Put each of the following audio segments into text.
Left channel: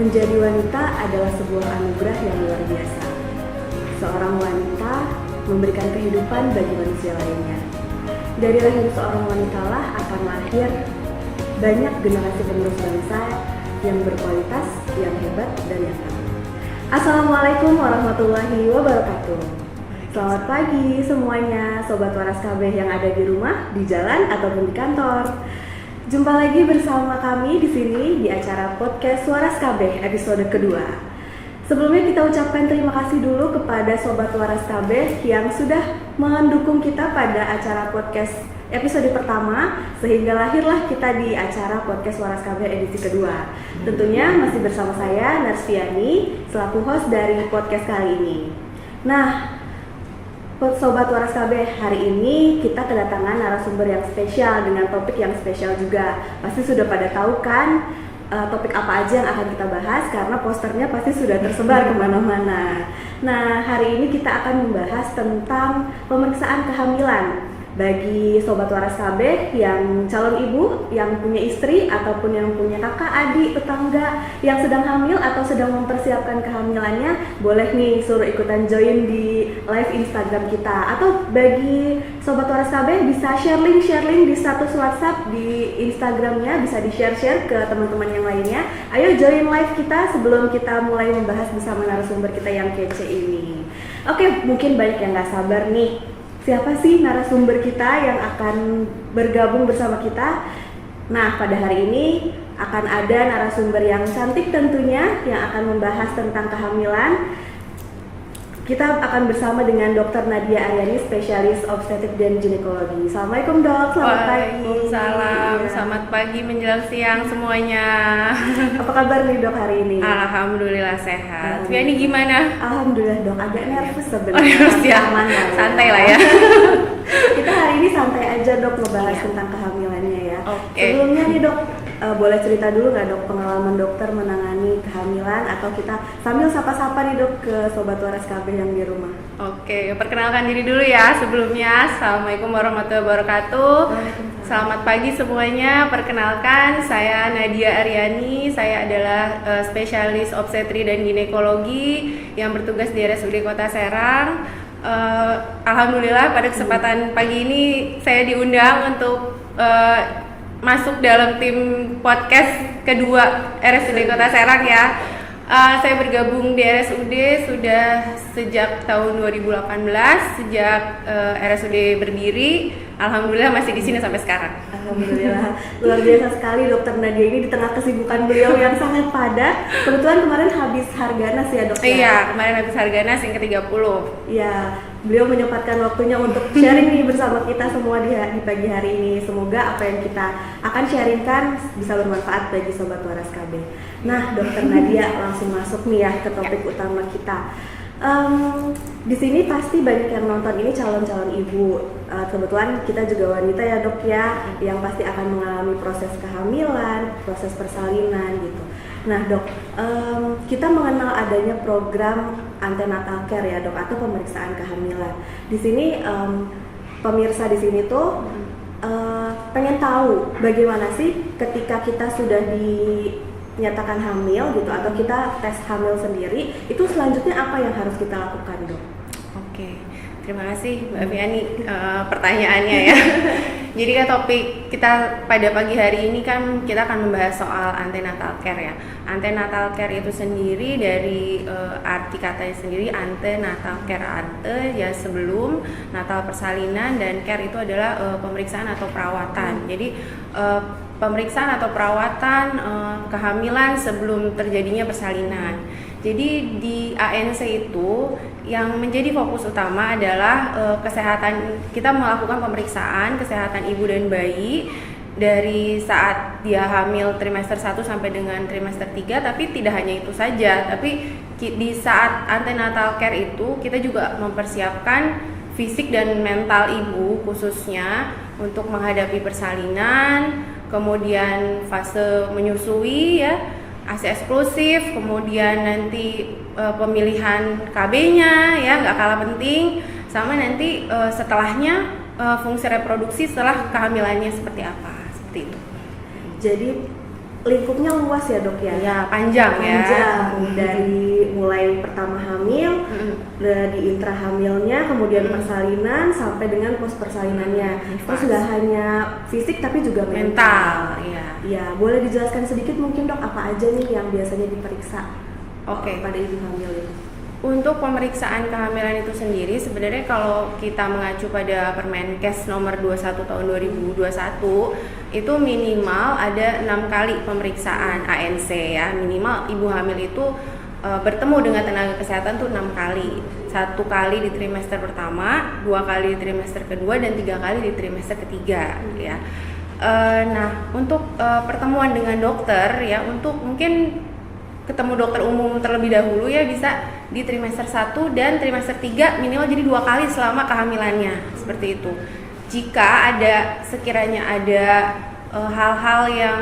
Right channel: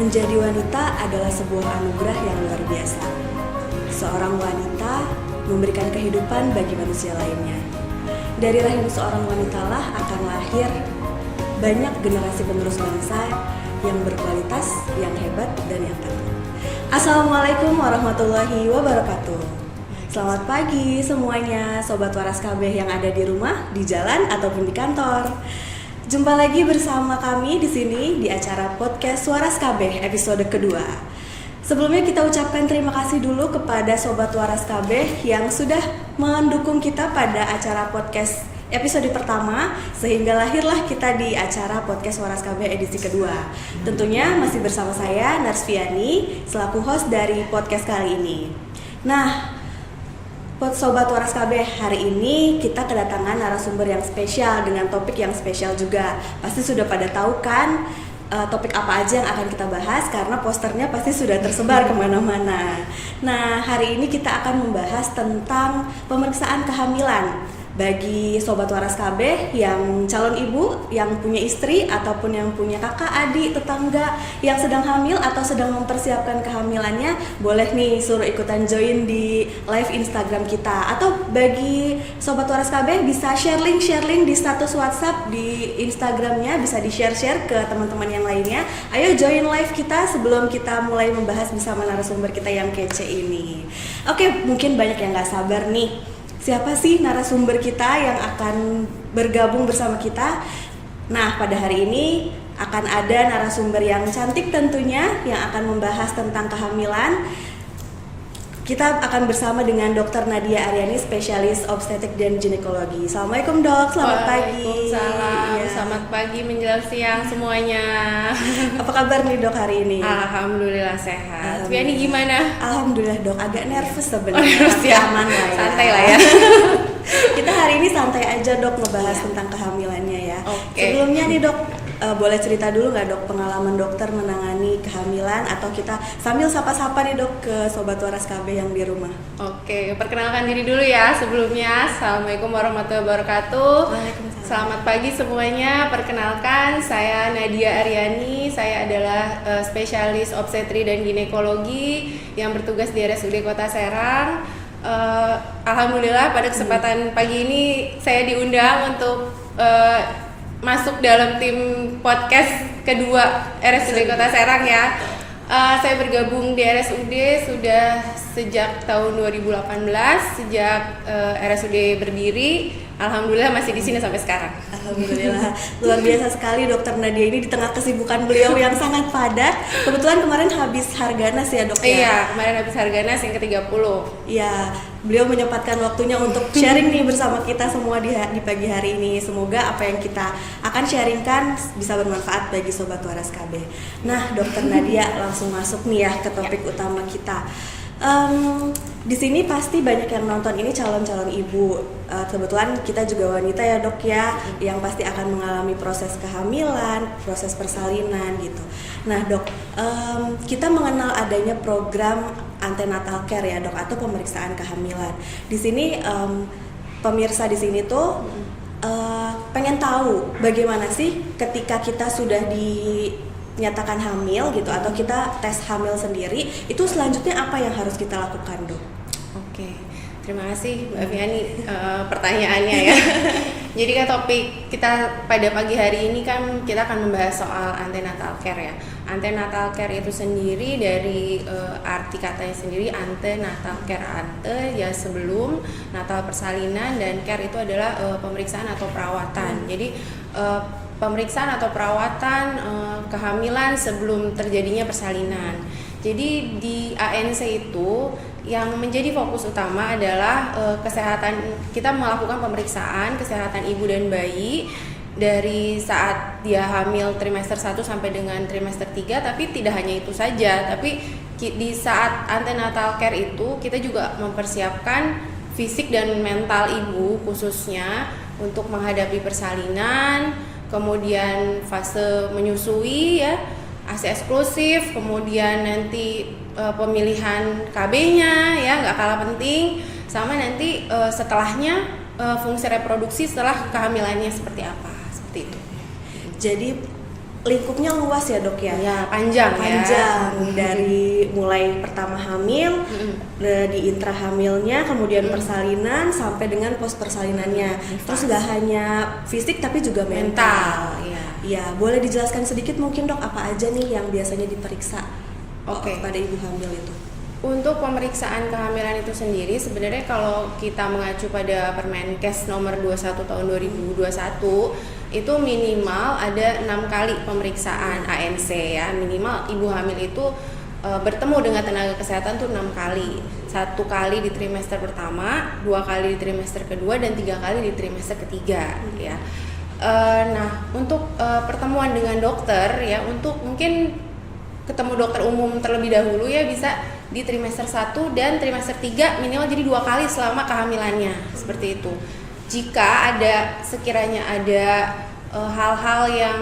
Menjadi wanita adalah sebuah anugerah yang luar biasa. Seorang wanita memberikan kehidupan bagi manusia lainnya. Dari rahim seorang wanita lah akan lahir banyak generasi penerus bangsa yang berkualitas, yang hebat, dan yang tangguh. Assalamualaikum warahmatullahi wabarakatuh. Selamat pagi semuanya, Sobat Waras KB yang ada di rumah, di jalan, ataupun di kantor. Jumpa lagi bersama kami di sini di acara podcast Waras KB episode kedua. Sebelumnya kita ucapkan terima kasih dulu kepada Sobat Waras KB yang sudah mendukung kita pada acara podcast episode pertama, sehingga lahirlah kita di acara podcast Waras KB edisi kedua. Tentunya masih bersama saya Narsviani selaku host dari podcast kali ini. Nah, Sobat Waras KB, hari ini kita kedatangan narasumber yang spesial dengan topik yang spesial juga. Pasti sudah pada tahu kan topik apa aja yang akan kita bahas, karena posternya pasti sudah tersebar kemana-mana. Nah, hari ini kita akan membahas tentang pemeriksaan kehamilan bagi Sobat Waras KB yang calon ibu, yang punya istri, ataupun yang punya kakak, adik, tetangga yang sedang hamil atau sedang mempersiapkan kehamilannya, boleh nih suruh ikutan join di live Instagram kita. Atau bagi Sobat Waras KB bisa share link di status WhatsApp di Instagramnya, bisa di-share ke teman-teman yang lainnya. Ayo join live kita sebelum kita mulai membahas bersama narasumber kita yang kece ini. Oke, mungkin banyak yang gak sabar nih. Siapa sih narasumber kita yang akan bergabung bersama kita? Nah, pada hari ini akan ada narasumber yang cantik tentunya yang akan membahas tentang kehamilan. Kita akan bersama dengan Dr. Nadia Aryani, spesialis obstetrik dan ginekologi. Assalamualaikum dok, selamat pagi. Waalaikumsalam, ya. Selamat pagi menjelang siang semuanya. Apa kabar nih dok hari ini? Alhamdulillah sehat. Viani gimana? Alhamdulillah dok, agak nervous sebenarnya. Aman lah ya. Santai lah ya. Kita hari ini santai aja dok ngebahas tentang kehamilannya ya. Sebelumnya nih dok, boleh cerita dulu nggak dok pengalaman dokter menangani kehamilan, atau kita sambil sapa-sapa nih dok ke Sobat Waras KB yang di rumah. Oke, perkenalkan diri dulu ya sebelumnya. Assalamualaikum warahmatullahi wabarakatuh. Selamat pagi semuanya. Perkenalkan, saya Nadia Aryani. Saya adalah spesialis obstetri dan ginekologi yang bertugas di RSUD Kota Serang. Alhamdulillah pada kesempatan pagi ini saya diundang untuk masuk dalam tim podcast kedua RSUD Kota Serang ya. Saya bergabung di RSUD sudah sejak tahun 2018, sejak RSUD berdiri. Alhamdulillah masih di sini sampai sekarang. Alhamdulillah, luar biasa sekali Dokter Nadia ini di tengah kesibukan beliau yang sangat padat. Kebetulan kemarin habis Harganas ya dok? Iya, kemarin habis Harganas yang ke-30. Iya, beliau menyempatkan waktunya untuk sharing nih bersama kita semua di pagi hari ini. Semoga apa yang kita akan sharingkan bisa bermanfaat bagi Sobat Waras KB. Nah, Dokter Nadia langsung masuk nih ya ke topik utama kita. Di sini pasti banyak yang menonton ini calon-calon ibu. Kebetulan kita juga wanita ya dok ya, yang pasti akan mengalami proses kehamilan, proses persalinan gitu. Nah dok, kita mengenal adanya program antenatal care ya dok, atau pemeriksaan kehamilan. Di sini pemirsa di sini tuh pengen tahu bagaimana sih ketika kita sudah dinyatakan hamil gitu, atau kita tes hamil sendiri, itu selanjutnya apa yang harus kita lakukan dok? Oke, terima kasih Mbak Viani pertanyaannya ya. Jadi kan topik kita pada pagi hari ini kan kita akan membahas soal antenatal care ya. Antenatal care itu sendiri dari arti katanya sendiri, antenatal care, ante ya sebelum, natal persalinan, dan care itu adalah pemeriksaan atau perawatan. Jadi pemeriksaan atau perawatan kehamilan sebelum terjadinya persalinan. Jadi di ANC itu yang menjadi fokus utama adalah kesehatan. Kita melakukan pemeriksaan kesehatan ibu dan bayi dari saat dia hamil trimester 1 sampai dengan trimester 3, tapi tidak hanya itu saja, tapi di saat antenatal care itu kita juga mempersiapkan fisik dan mental ibu khususnya untuk menghadapi persalinan, kemudian fase menyusui ya, ASI eksklusif, kemudian nanti pemilihan KB-nya ya nggak kalah penting, sama nanti setelahnya fungsi reproduksi setelah kehamilannya seperti apa, seperti itu. Jadi lingkupnya luas ya dok ya. Ya, panjang ya. Dari mulai pertama hamil, di intra hamilnya, kemudian persalinan sampai dengan pos persalinannya. Terus nggak hanya fisik tapi juga mental. Iya, boleh dijelaskan sedikit mungkin dok apa aja nih yang biasanya diperiksa pada ibu hamil itu? Untuk pemeriksaan kehamilan itu sendiri sebenarnya kalau kita mengacu pada Permenkes nomor 21 tahun 2021 itu minimal ada 6 kali pemeriksaan ANC ya. Minimal ibu hamil itu bertemu dengan tenaga kesehatan tuh 6 kali. 1 kali di trimester pertama, 2 kali di trimester kedua, dan 3 kali di trimester ketiga ya. Nah, untuk pertemuan dengan dokter ya, untuk mungkin ketemu dokter umum terlebih dahulu ya bisa di trimester 1 dan trimester 3 minimal jadi 2 kali selama kehamilannya, seperti itu. Jika sekiranya ada hal-hal yang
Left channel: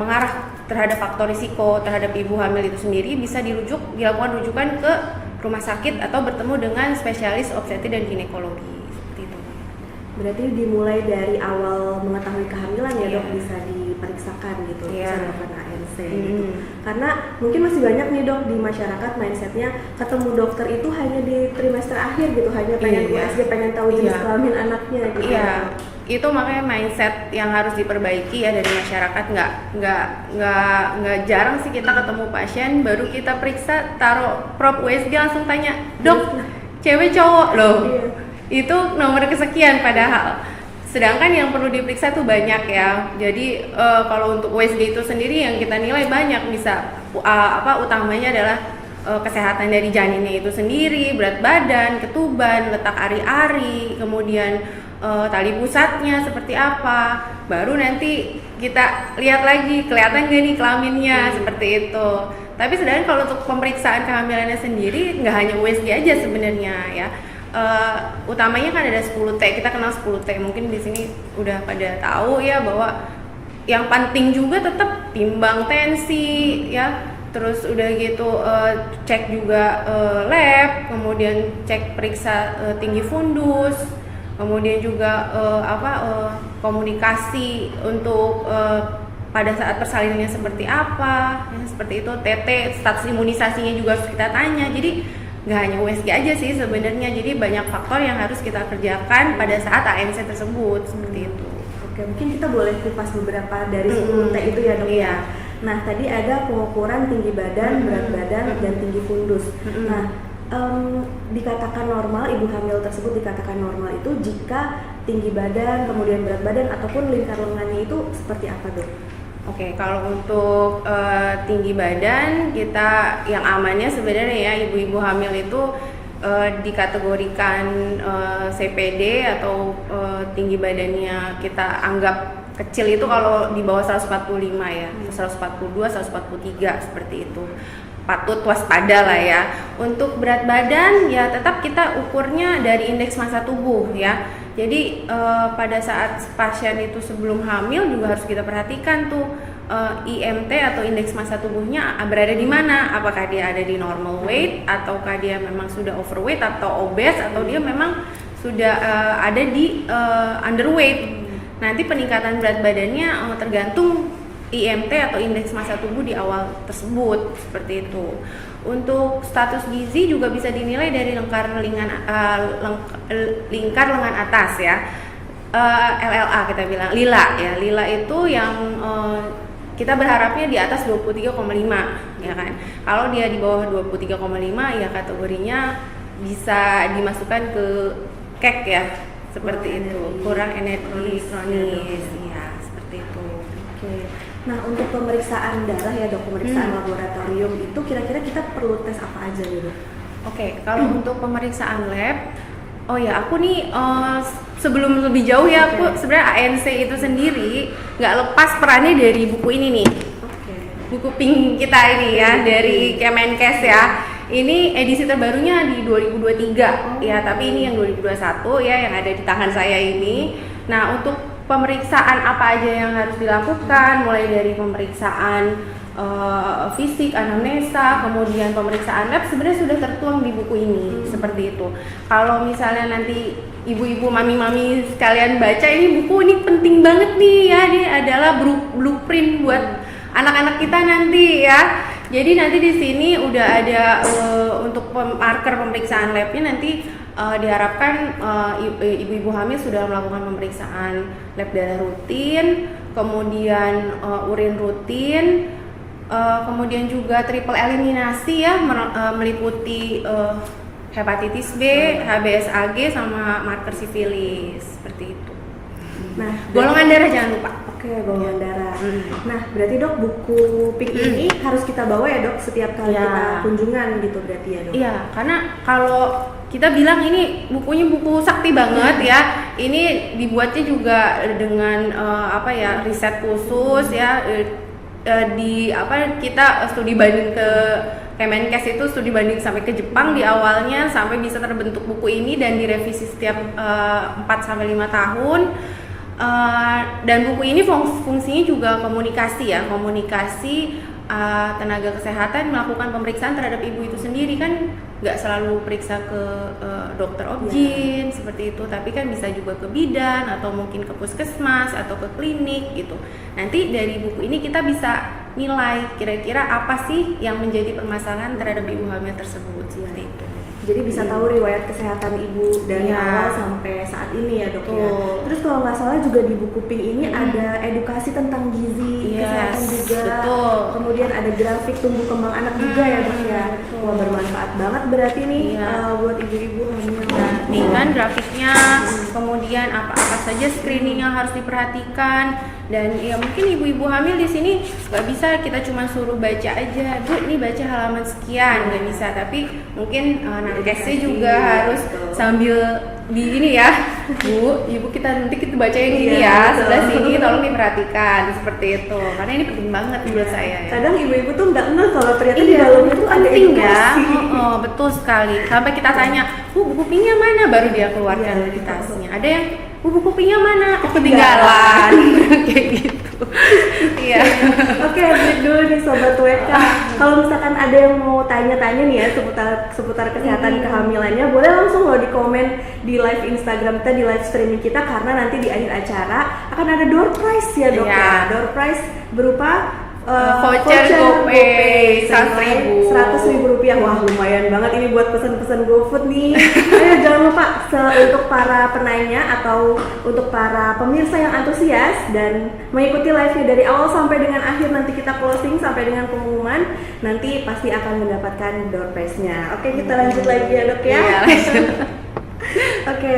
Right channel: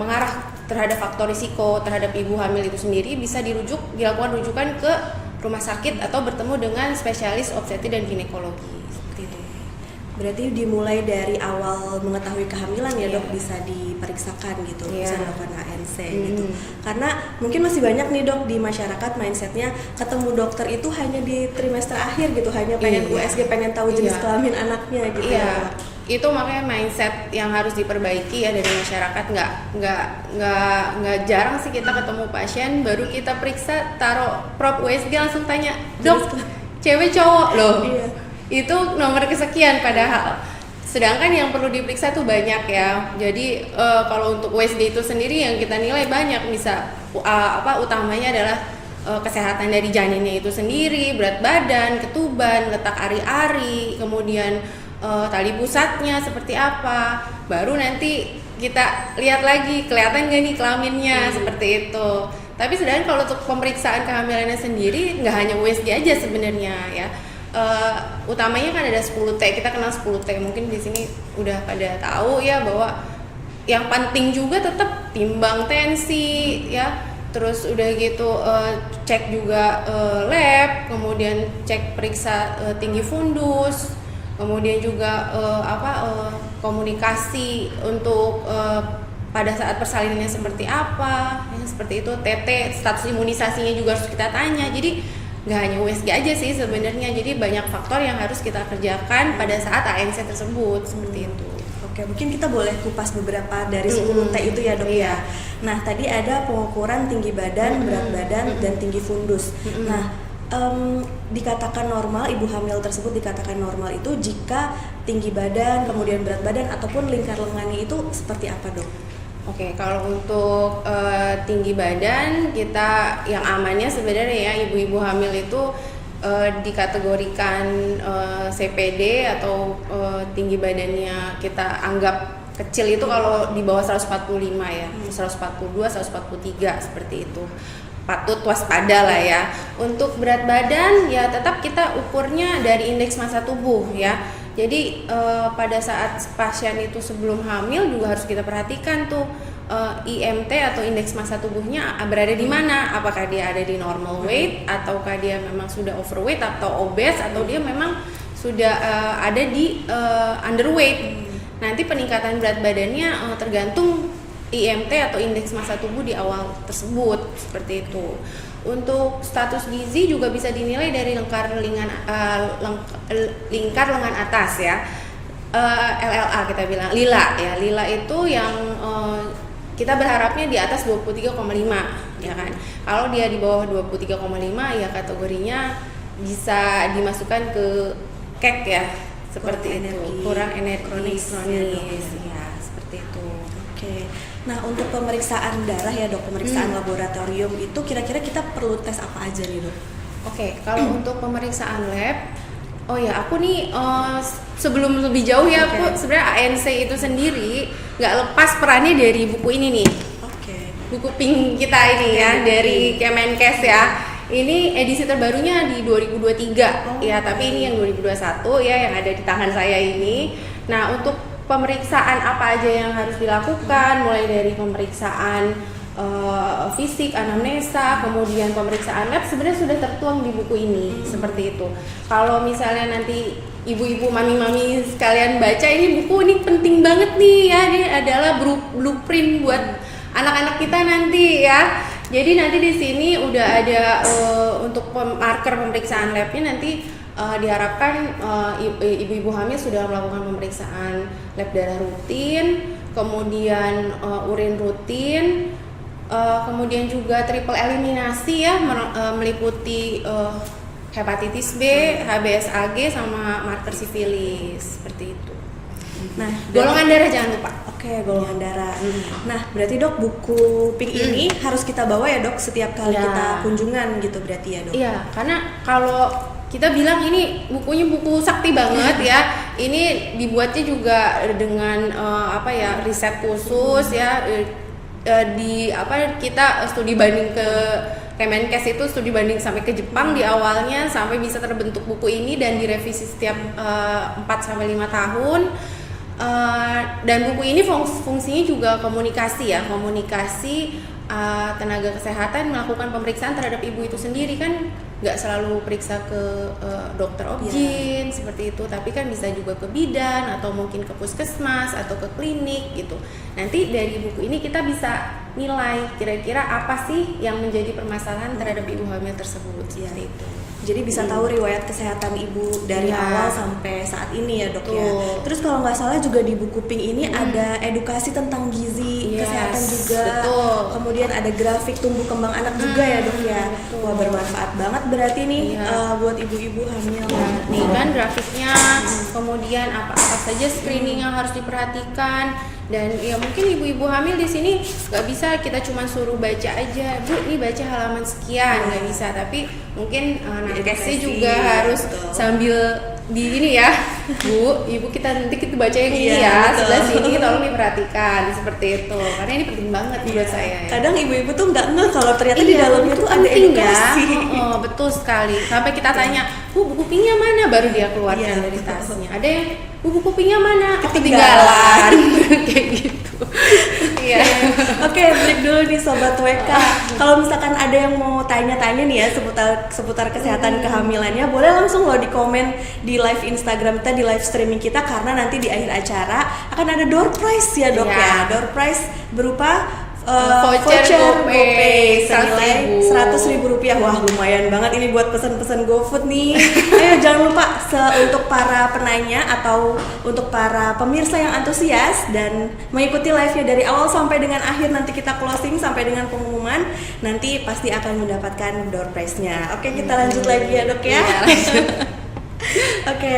mengarah terhadap faktor risiko terhadap ibu hamil itu sendiri, bisa dilakukan rujukan ke rumah sakit atau bertemu dengan spesialis obstetri dan ginekologi, seperti itu. Berarti dimulai dari awal mengetahui kehamilan ya dok, bisa diperiksakan gitu, bisa melakukan ANC gitu. Karena mungkin masih banyak nih dok di masyarakat mindsetnya ketemu dokter itu hanya di trimester akhir gitu, hanya pengen USG, pengen tahu jenis kelamin anaknya gitu. Itu makanya mindset yang harus diperbaiki ya dari masyarakat. Nggak jarang sih kita ketemu pasien baru kita periksa taruh prop USG langsung tanya, dok cewek cowok loh. Itu nomor kesekian padahal. Sedangkan yang perlu diperiksa tuh banyak ya. Jadi kalau untuk USG itu sendiri yang kita nilai banyak, bisa utamanya adalah kesehatan dari janinnya itu sendiri, berat badan, ketuban, letak ari-ari, kemudian tali pusatnya seperti apa. Baru nanti kita lihat lagi kelihatan gak nih kelaminnya, seperti itu. Tapi sedangkan kalau untuk pemeriksaan kehamilannya sendiri nggak hanya USG aja sebenarnya ya. Utamanya kan ada 10T, kita kenal 10T, mungkin di sini udah pada tahu ya bahwa yang penting juga tetap timbang tensi ya, terus udah gitu cek juga lab, kemudian cek periksa tinggi fundus, kemudian juga komunikasi untuk pada saat persalinannya seperti apa ya, seperti itu. TT, status imunisasinya juga harus kita tanya. Jadi nggak hanya USG aja sih sebenarnya, jadi banyak faktor yang harus kita kerjakan pada saat ANC tersebut, seperti itu. Oke, mungkin kita boleh kupas beberapa dari 10T itu ya dok ya. Nah, tadi ada pengukuran tinggi badan, berat badan, dan tinggi fundus. Nah, dikatakan normal, ibu hamil tersebut dikatakan normal itu jika tinggi badan, kemudian berat badan, ataupun lingkar lengannya itu seperti apa dok? Oke, kalau untuk tinggi badan kita yang amannya sebenarnya ya ibu-ibu hamil itu dikategorikan CPD atau tinggi badannya kita anggap kecil itu kalau di bawah 145 ya, 142, 143 seperti itu. Patut waspada lah ya. Untuk berat badan ya tetap kita ukurnya dari indeks massa tubuh ya. Jadi pada saat pasien itu sebelum hamil juga harus kita perhatikan tuh IMT atau indeks massa tubuhnya berada di mana? Apakah dia ada di normal weight, ataukah dia memang sudah overweight atau obese, atau dia memang sudah ada di underweight. Nanti peningkatan berat badannya tergantung IMT atau indeks massa tubuh di awal tersebut, seperti itu. Untuk status gizi juga bisa dinilai dari lingkar lengan atas ya, LLA kita bilang, lila ya. Lila itu yang kita berharapnya di atas 23,5 ya kan. Kalau dia di bawah 23,5 ya kategorinya bisa dimasukkan ke KEK ya, seperti itu, kurang energi kronis ya, seperti itu. Oke. Nah, untuk pemeriksaan darah ya dok, pemeriksaan laboratorium itu kira-kira kita perlu tes apa aja nih dok? Oke, kalau untuk pemeriksaan lab, oh ya aku nih sebelum lebih jauh ya, aku sebenarnya ANC itu sendiri nggak lepas perannya dari buku ini nih. Buku pink kita ini ya, dari Kemenkes ya. Ini edisi terbarunya di 2023 ya, tapi ini yang 2021 ya, yang ada di tangan saya ini. Nah, untuk pemeriksaan apa aja yang harus dilakukan, mulai dari pemeriksaan fisik, anamnesa, kemudian pemeriksaan lab sebenarnya sudah tertuang di buku ini seperti itu. Kalau misalnya nanti ibu-ibu, mami-mami sekalian baca ini buku, ini penting banget nih ya, ini adalah blueprint buat anak-anak kita nanti ya. Jadi nanti di sini udah ada untuk marker pemeriksaan labnya nanti diharapkan ibu-ibu hamil sudah melakukan pemeriksaan lab darah rutin, kemudian urin rutin. Kemudian juga triple eliminasi ya, meliputi hepatitis B, HBsAg sama marker sifilis seperti itu. Nah, golongan darah jangan lupa. Oke, golongan darah. Nah, berarti dok buku pink ini harus kita bawa ya dok setiap kali kita kunjungan gitu berarti ya dok? Iya, karena kalau kita bilang ini bukunya buku sakti banget ya, ini dibuatnya juga dengan riset khusus ya. Kita studi banding ke Kemenkes itu studi banding sampai ke Jepang di awalnya sampai bisa terbentuk buku ini dan direvisi setiap 4 sampai 5 tahun. Dan buku ini fungsinya juga komunikasi tenaga kesehatan melakukan pemeriksaan terhadap ibu itu sendiri kan nggak selalu periksa ke dokter obgyn seperti itu, tapi kan bisa juga ke bidan atau mungkin ke puskesmas atau ke klinik gitu. Nanti dari buku ini kita bisa nilai kira-kira apa sih yang menjadi permasalahan terhadap ibu hamil tersebut seperti itu. Jadi bisa tahu riwayat kesehatan ibu dari awal sampai saat ini ya dok ya. Terus kalau nggak salah juga di buku pink ini ada edukasi tentang gizi, kesehatan juga. Betul. Kemudian ada grafik tumbuh kembang anak juga ya dok ya. Wah, bermanfaat banget berarti nih buat ibu-ibu hamil. Nih kan grafiknya, kemudian apa saja screening yang harus diperhatikan, dan ya mungkin ibu-ibu hamil di sini nggak bisa kita cuma suruh baca aja, Bu ini baca halaman sekian, nggak bisa, tapi mungkin nakesnya juga harus sambil di ini ya, Bu, ibu kita nanti kita baca yang ini ya, sebelah sini tolong diperhatikan seperti itu, karena ini penting banget buat saya ya. Kadang ibu-ibu tuh nggak ngeh kalau ternyata di dalamnya tuh ada edukasi. Betul sekali. Sampai kita tanya, Bu buku pinknya mana? Baru dia keluarkan dari tasnya. Ada yang, Bu buku pinknya mana? Ketinggalan. Kayak gitu. Iya. Oke, break dulu nih Sobat WK. Kalau misalkan ada yang mau tanya-tanya nih ya seputar kesehatan kehamilannya, boleh langsung loh di komen di live Instagram kita, di live streaming kita, karena nanti di akhir acara akan ada door prize ya dok ya. Door prize berupa voucher GoPay senilai Rp100.000. Wah, lumayan banget ini buat pesan-pesan GoFood nih. Ayo jangan lupa untuk para penanya atau untuk para pemirsa yang antusias dan mengikuti live-nya dari awal sampai dengan akhir, nanti kita closing sampai dengan pengumuman, nanti pasti akan mendapatkan door prize-nya. Oke, kita lanjut lagi ya dok ya. Oke.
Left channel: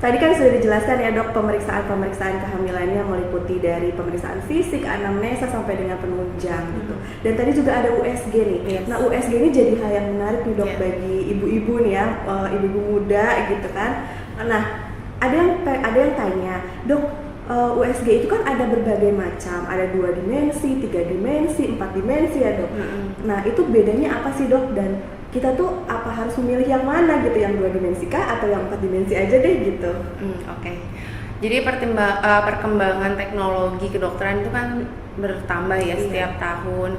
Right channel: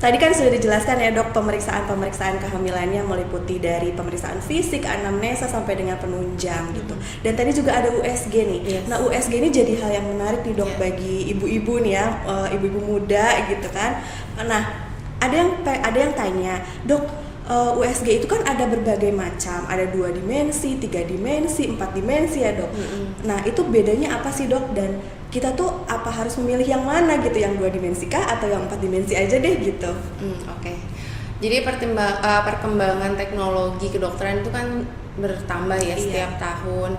Tadi kan sudah dijelaskan ya dok, pemeriksaan kehamilannya meliputi dari pemeriksaan fisik, anamnesa sampai dengan penunjang gitu. Dan tadi juga ada USG nih. Nah USG ini jadi hal yang menarik nih dok bagi ibu-ibu nih ya, ibu-ibu muda gitu kan. Nah ada yang tanya, dok USG itu kan ada berbagai macam, ada 2 dimensi, 3 dimensi, 4 dimensi ya dok. Nah itu bedanya apa sih dok, dan kita tuh apa harus memilih yang mana gitu, yang 2 dimensi kah atau yang 4 dimensi aja deh gitu? Oke. Jadi perkembangan teknologi kedokteran itu kan bertambah ya setiap tahun.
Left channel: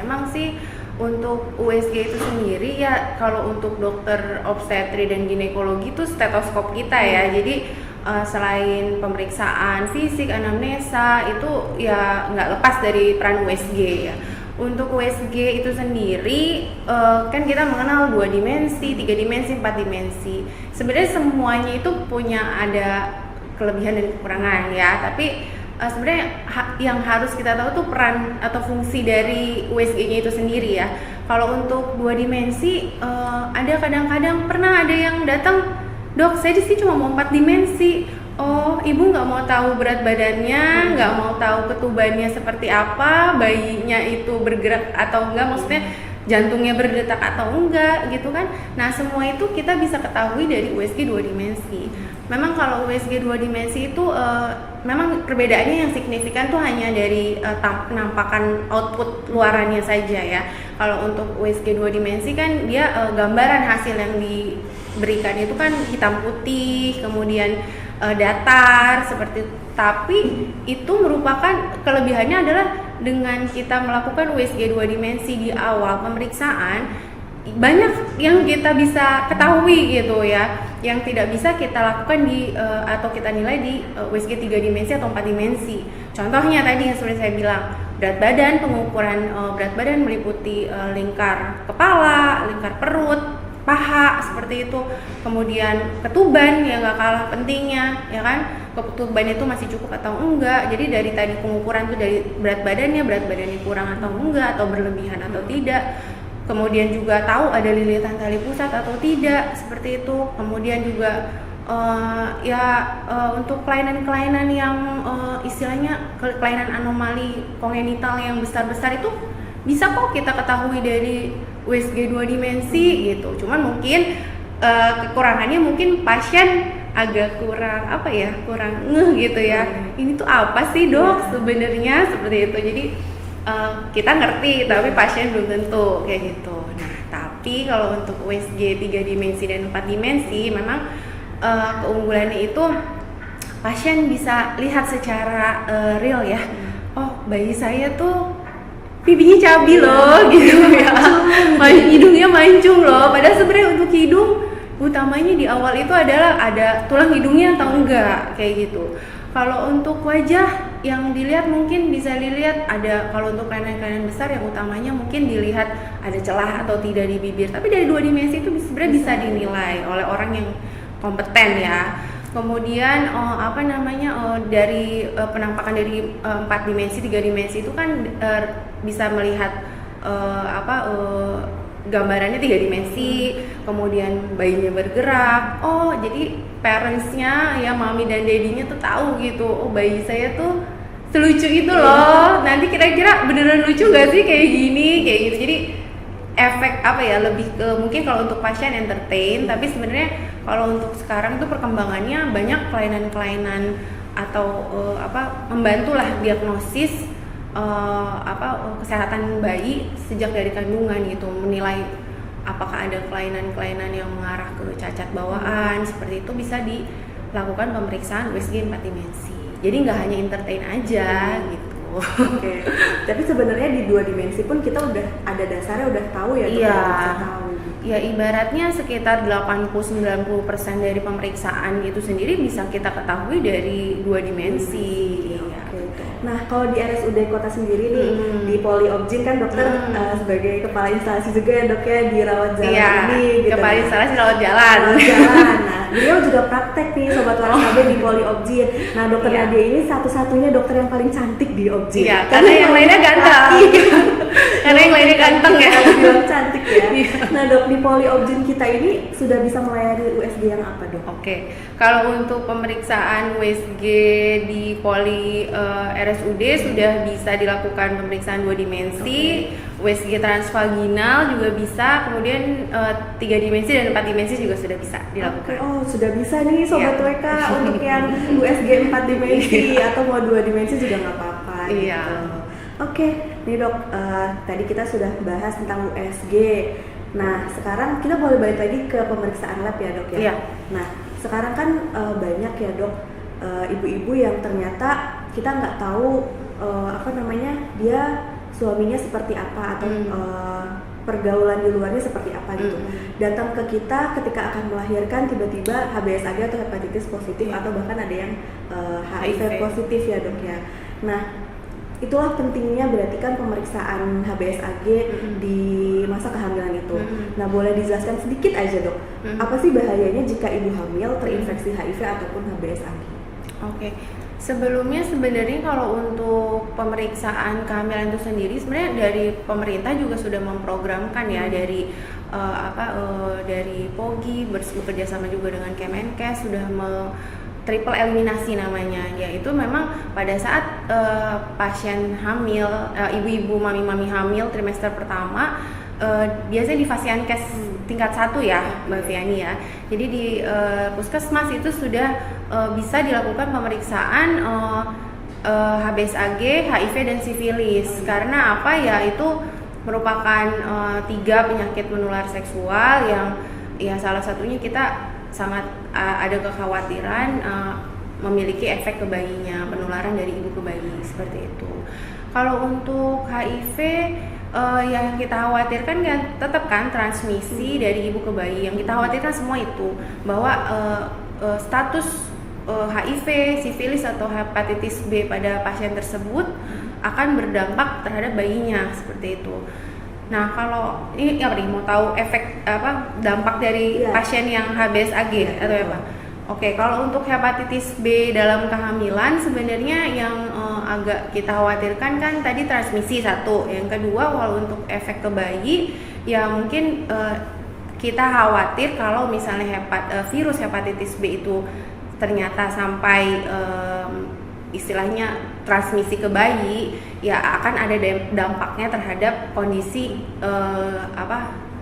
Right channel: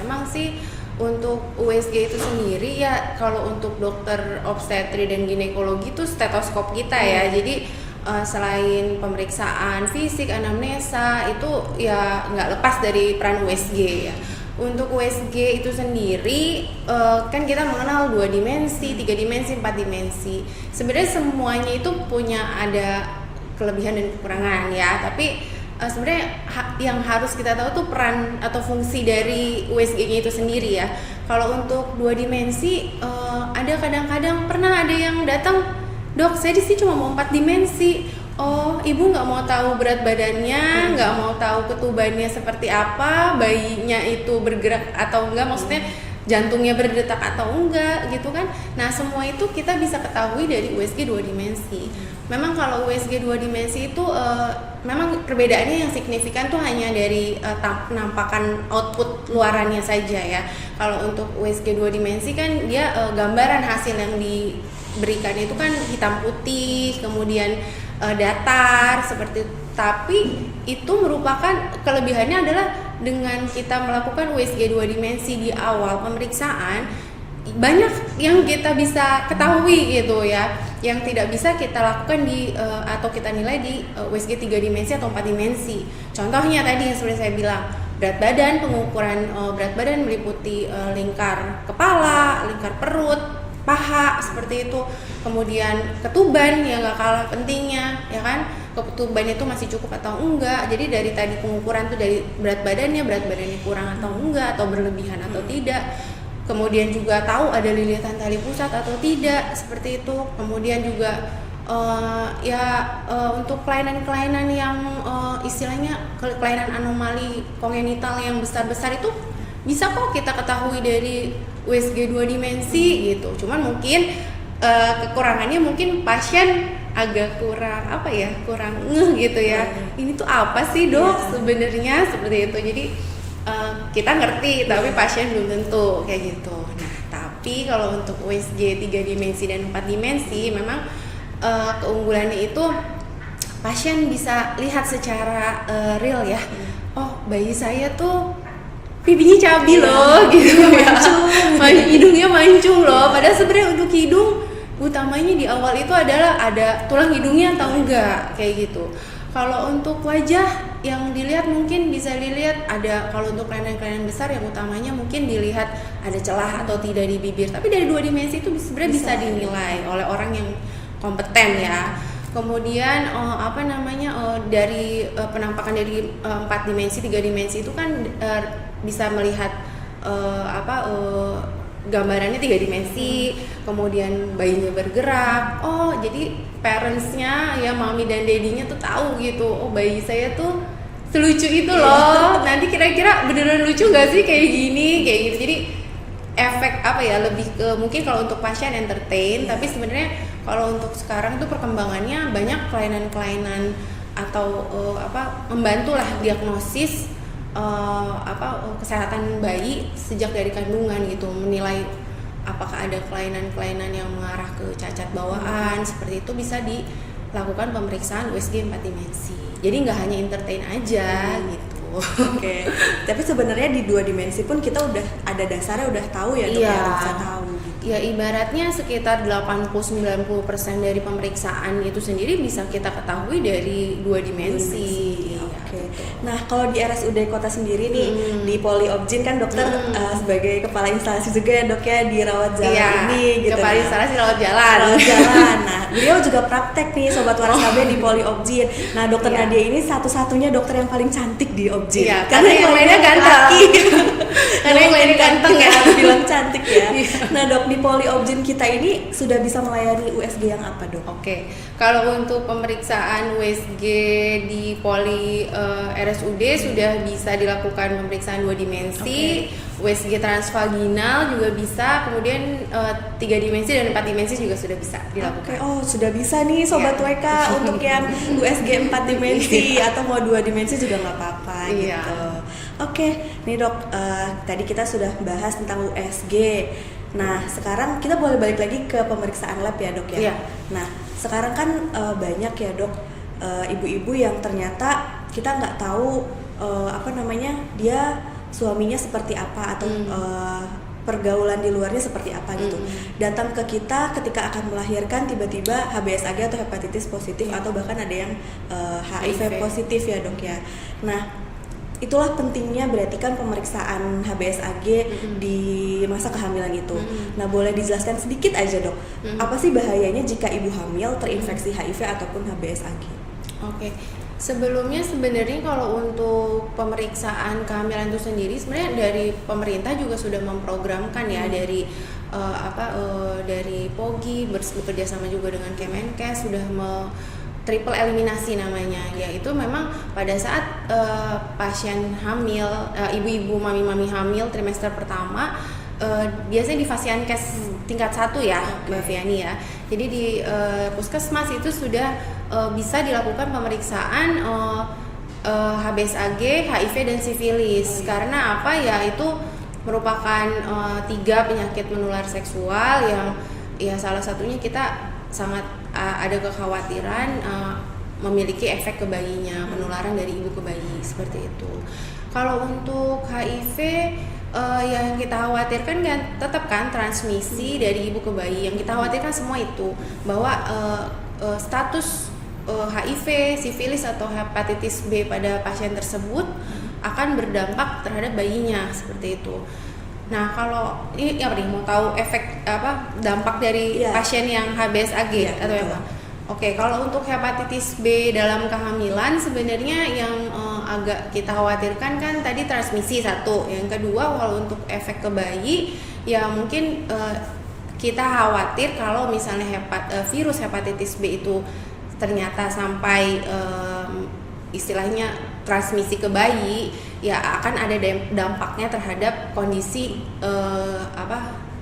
Memang sih untuk USG itu sendiri ya, kalau untuk dokter obstetri dan ginekologi itu stetoskop kita ya. Jadi selain pemeriksaan fisik, anamnesa itu ya nggak lepas dari peran USG ya. Untuk USG itu sendiri kan kita mengenal 2 dimensi, 3 dimensi, 4 dimensi. Sebenarnya semuanya itu punya ada kelebihan dan kekurangan ya. Tapi sebenarnya yang harus kita tahu tuh peran atau fungsi dari USG-nya itu sendiri ya. Kalau untuk 2 dimensi ada kadang-kadang pernah ada yang datang, dok saya di sini cuma mau 4 dimensi. Oh, ibu nggak mau tahu berat badannya, nggak mau tahu ketubannya seperti apa, bayinya itu bergerak atau enggak, maksudnya jantungnya berdetak atau enggak gitu kan. Nah semua itu kita bisa ketahui dari USG 2 dimensi. Memang kalau USG 2 dimensi itu memang perbedaannya yang signifikan tuh hanya dari penampakan output luarannya saja ya. Kalau untuk USG 2 dimensi kan dia gambaran hasil yang diberikan itu kan hitam putih, kemudian datar seperti itu. Tapi itu merupakan kelebihannya adalah dengan kita melakukan USG 2 dimensi di awal pemeriksaan, banyak yang kita bisa ketahui gitu ya, yang tidak bisa kita lakukan di atau kita nilai di USG 3 dimensi atau 4 dimensi. Contohnya tadi yang seperti saya bilang, berat badan, pengukuran berat badan meliputi lingkar kepala, lingkar perut, paha seperti itu. Kemudian ketuban yang gak kalah pentingnya, ya kan? Ketuban itu masih cukup atau enggak. Jadi dari tadi pengukuran itu dari berat badannya kurang atau enggak, atau berlebihan atau tidak. Kemudian juga tahu ada lilitan tali pusat atau tidak, seperti itu. Kemudian juga untuk kelainan-kelainan yang istilahnya kelainan anomali kongenital yang besar-besar itu bisa kok kita ketahui dari USG 2 dimensi gitu. Cuman mungkin kekurangannya mungkin pasien agak kurang gitu ya. Ini tuh apa sih dok sebenarnya, seperti itu. Jadi kita ngerti tapi pasien belum tentu kayak gitu. Nah, tapi kalau untuk USG 3 dimensi dan 4 dimensi memang keunggulannya itu pasien bisa lihat secara real ya. Oh, bayi saya tuh pipinya cabi loh gitu ya. Hidungnya mancung loh. Padahal sebenarnya untuk hidung utamanya di awal itu adalah ada tulang hidungnya atau enggak kayak gitu. Kalau untuk wajah yang dilihat mungkin bisa dilihat ada, kalau untuk kelainan-kelainan besar yang utamanya mungkin dilihat ada celah atau tidak di bibir. Tapi dari 2 dimensi itu sebenarnya bisa dinilai oleh orang yang kompeten ya. Kemudian dari penampakan dari 4 dimensi, 3 dimensi itu kan bisa melihat gambarannya 3 dimensi, kemudian bayinya bergerak. Oh, jadi parentsnya ya, mami dan dedinya tuh tahu gitu. Oh, bayi saya tuh selucu itu loh. Nanti kira-kira beneran lucu gak sih kayak gini, kayak gitu. Jadi efek lebih ke mungkin kalau untuk pasien entertain, tapi sebenarnya kalau untuk sekarang itu perkembangannya banyak kelainan-kelainan atau membantulah diagnosis kesehatan bayi sejak dari kandungan gitu, menilai apakah ada kelainan-kelainan yang mengarah ke cacat bawaan, seperti itu bisa dilakukan pemeriksaan USG 4 dimensi. Jadi nggak hanya entertain aja gitu. Oke. Tapi sebenarnya di 2 dimensi pun kita udah ada dasarnya, udah tahu ya, iya. Bisa tahu. Ya ibaratnya sekitar 80-90% dari pemeriksaan itu sendiri bisa kita ketahui dari 2 dimensi. Oke. Nah, kalau di RSUD Kota sendiri nih, di Poli Obgyn kan dokter sebagai kepala instalasi juga ya dok ya di rawat jalan ini gitu. Kepala instalasi rawat jalan. Nah, beliau juga praktek nih Sobat Waras KB di Poli Obgyn. Nah, dokter Nadia ini satu-satunya dokter yang paling cantik di Obgyn. Iya, karena yang lainnya ganteng. Karena yang lainnya ganteng ya. Bilang cantik ya. Nah, dok, di Poli Obgyn kita ini sudah bisa melayani USG yang apa dok? Oke, kalau untuk pemeriksaan USG di Poli RSUD sudah bisa dilakukan pemeriksaan 2 dimensi, USG transvaginal juga bisa, kemudian 3 dimensi dan 4 dimensi juga sudah bisa dilakukan. Oh, sudah bisa nih Sobat WK untuk yang USG 4 dimensi atau mau 2 dimensi juga nggak apa-apa gitu. Oke, nih dok, tadi kita sudah bahas tentang USG. Nah, sekarang kita boleh balik lagi ke pemeriksaan lab ya dok ya. Iya. Nah, sekarang kan banyak ya dok ibu-ibu yang ternyata kita nggak tahu dia suaminya seperti apa atau pergaulan di luarnya seperti apa gitu. Datang ke kita ketika akan melahirkan tiba-tiba HBsAg atau hepatitis positif atau bahkan ada yang HIV positif ya dok ya. Nah, itulah pentingnya berarti kan pemeriksaan HBsAg di masa kehamilan itu. Nah, boleh dijelaskan sedikit aja dok, apa sih bahayanya jika ibu hamil terinfeksi HIV ataupun HBsAg? Oke. Sebelumnya sebenarnya kalau untuk pemeriksaan kehamilan itu sendiri sebenarnya dari pemerintah juga sudah memprogramkan ya dari dari POGI bekerja sama juga dengan Kemenkes sudah triple eliminasi namanya, yaitu memang pada saat pasien hamil, ibu-ibu mami-mami hamil trimester pertama biasanya di Fasiankes tingkat 1 ya Mbak Fiani ya. Jadi di puskesmas itu sudah bisa dilakukan pemeriksaan HBsAg, HIV dan sifilis. Karena apa ya, itu merupakan 3 penyakit menular seksual yang ya salah satunya kita sangat ada kekhawatiran memiliki efek ke bayinya, penularan dari ibu ke bayi seperti itu. Kalau untuk HIV yang kita khawatirkan kan tetap kan transmisi dari ibu ke bayi. Yang kita khawatirkan semua itu bahwa status HIV, sifilis atau hepatitis B pada pasien tersebut akan berdampak terhadap bayinya seperti itu. Nah, kalau ini apa nih, mau tahu efek dampak dari pasien yang HBsAg atau apa? Oke, kalau untuk hepatitis B dalam kehamilan sebenarnya yang agak kita khawatirkan kan tadi transmisi satu. Yang kedua, kalau untuk efek ke bayi ya mungkin kita khawatir kalau misalnya virus hepatitis B itu ternyata sampai istilahnya transmisi ke bayi, ya akan ada dampaknya terhadap kondisi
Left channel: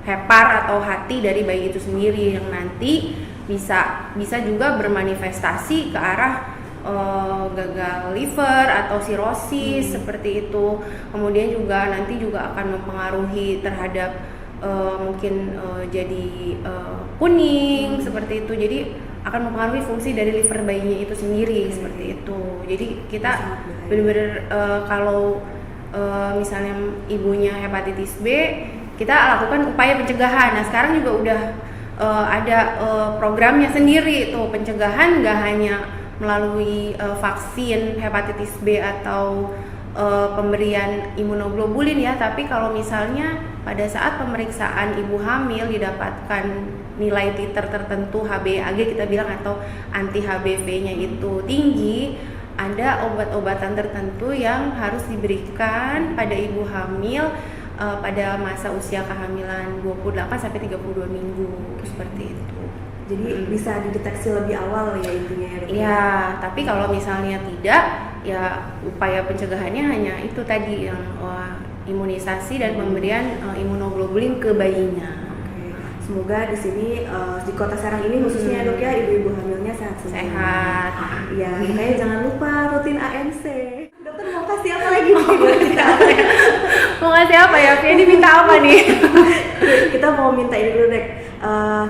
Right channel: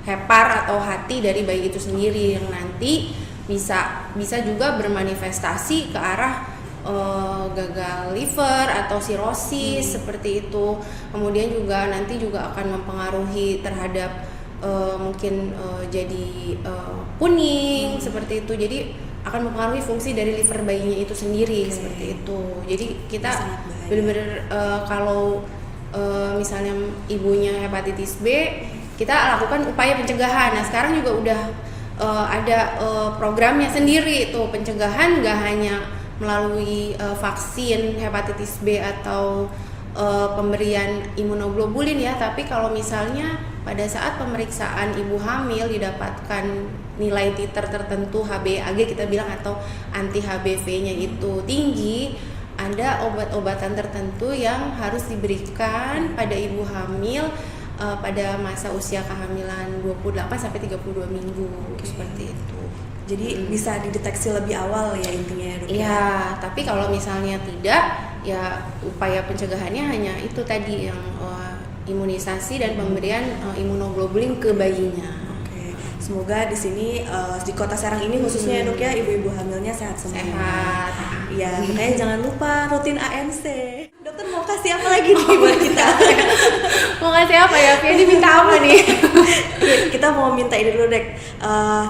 hepar atau hati dari bayi itu sendiri yang nanti bisa juga bermanifestasi ke arah gagal liver atau sirosis seperti itu. Kemudian juga nanti juga akan mempengaruhi terhadap mungkin jadi kuning seperti itu. Jadi akan mempengaruhi fungsi dari liver bayinya itu sendiri seperti itu. Jadi kita benar-benar kalau misalnya ibunya hepatitis B, kita lakukan upaya pencegahan. Nah, sekarang juga udah ada programnya sendiri itu pencegahan, nggak hanya melalui vaksin hepatitis B atau pemberian imunoglobulin ya, tapi kalau misalnya pada saat pemeriksaan ibu hamil didapatkan nilai titer tertentu HBsAg kita bilang atau anti HBV-nya itu tinggi, ada obat-obatan tertentu yang harus diberikan pada ibu hamil pada masa usia kehamilan 28 sampai 32 minggu seperti itu. Jadi bisa dideteksi lebih awal ya intinya ya, Dok? Iya, tapi kalau misalnya tidak, ya upaya pencegahannya hanya itu tadi yang imunisasi dan pemberian imunoglobulin ke bayinya. Oke. Semoga di sini di Kota Serang ini khususnya ya, Dok ya, ibu-ibu hamilnya sehat semua. Sehat. Iya, makanya jangan lupa rutin ANC. Dokter mau kasih apa lagi nih buat kita? Mau ngasih apa ya? Ini minta apa nih? Kita mau minta ini dulu dek,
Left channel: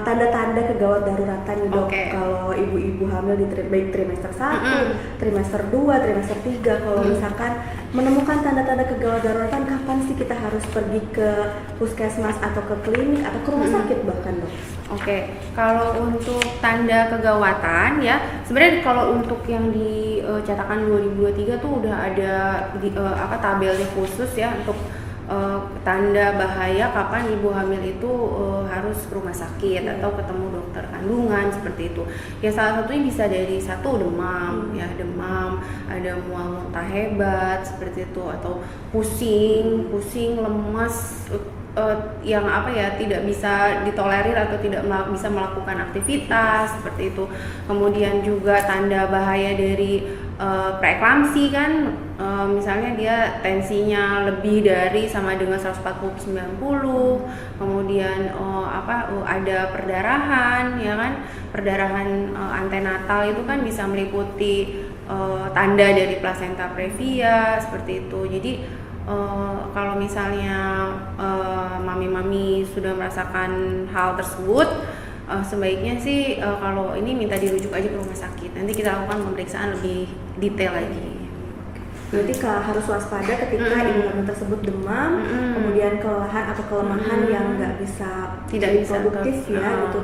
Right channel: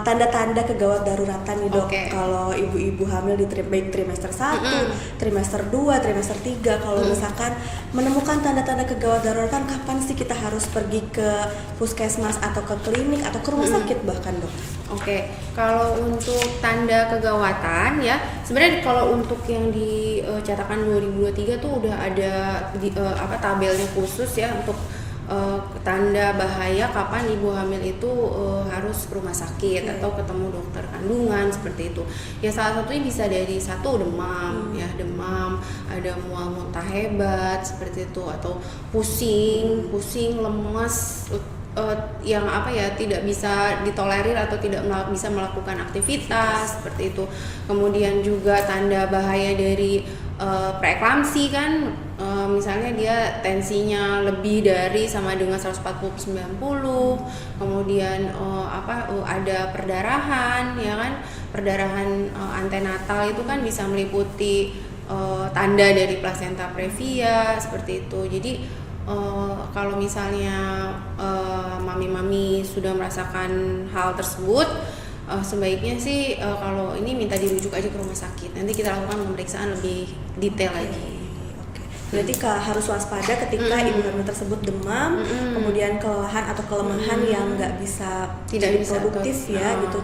tanda-tanda kegawat daruratan nih dok. Kalau ibu-ibu hamil di baik trimester 1, trimester 2, trimester 3, kalau misalkan menemukan tanda-tanda kegawat daruratan, kapan sih kita harus pergi ke puskesmas atau ke klinik atau ke rumah sakit bahkan dok? Oke, kalau untuk tanda kegawatan ya, sebenarnya kalau untuk yang di cetakan 2023 tuh udah ada tabelnya khusus ya untuk tanda bahaya kapan ibu hamil itu harus ke rumah sakit atau ketemu dokter kandungan seperti itu. Ya salah satunya bisa dari demam, ada mual muntah hebat seperti itu, atau pusing, lemas yang tidak bisa ditolerir atau tidak bisa melakukan aktivitas seperti itu. Kemudian juga tanda bahaya dari preeklamsi kan, misalnya dia tensinya lebih dari sama dengan 140/90, kemudian ada perdarahan ya kan, perdarahan antenatal itu kan bisa meliputi tanda dari plasenta previa seperti itu. Jadi kalau misalnya mami-mami sudah merasakan hal tersebut, sebaiknya sih kalau ini minta dirujuk aja ke rumah sakit. Nanti kita lakukan pemeriksaan lebih detail lagi. Berarti harus waspada ketika ibu hamil tersebut demam, kemudian kelelahan atau kelemahan yang nggak bisa produktif gitu,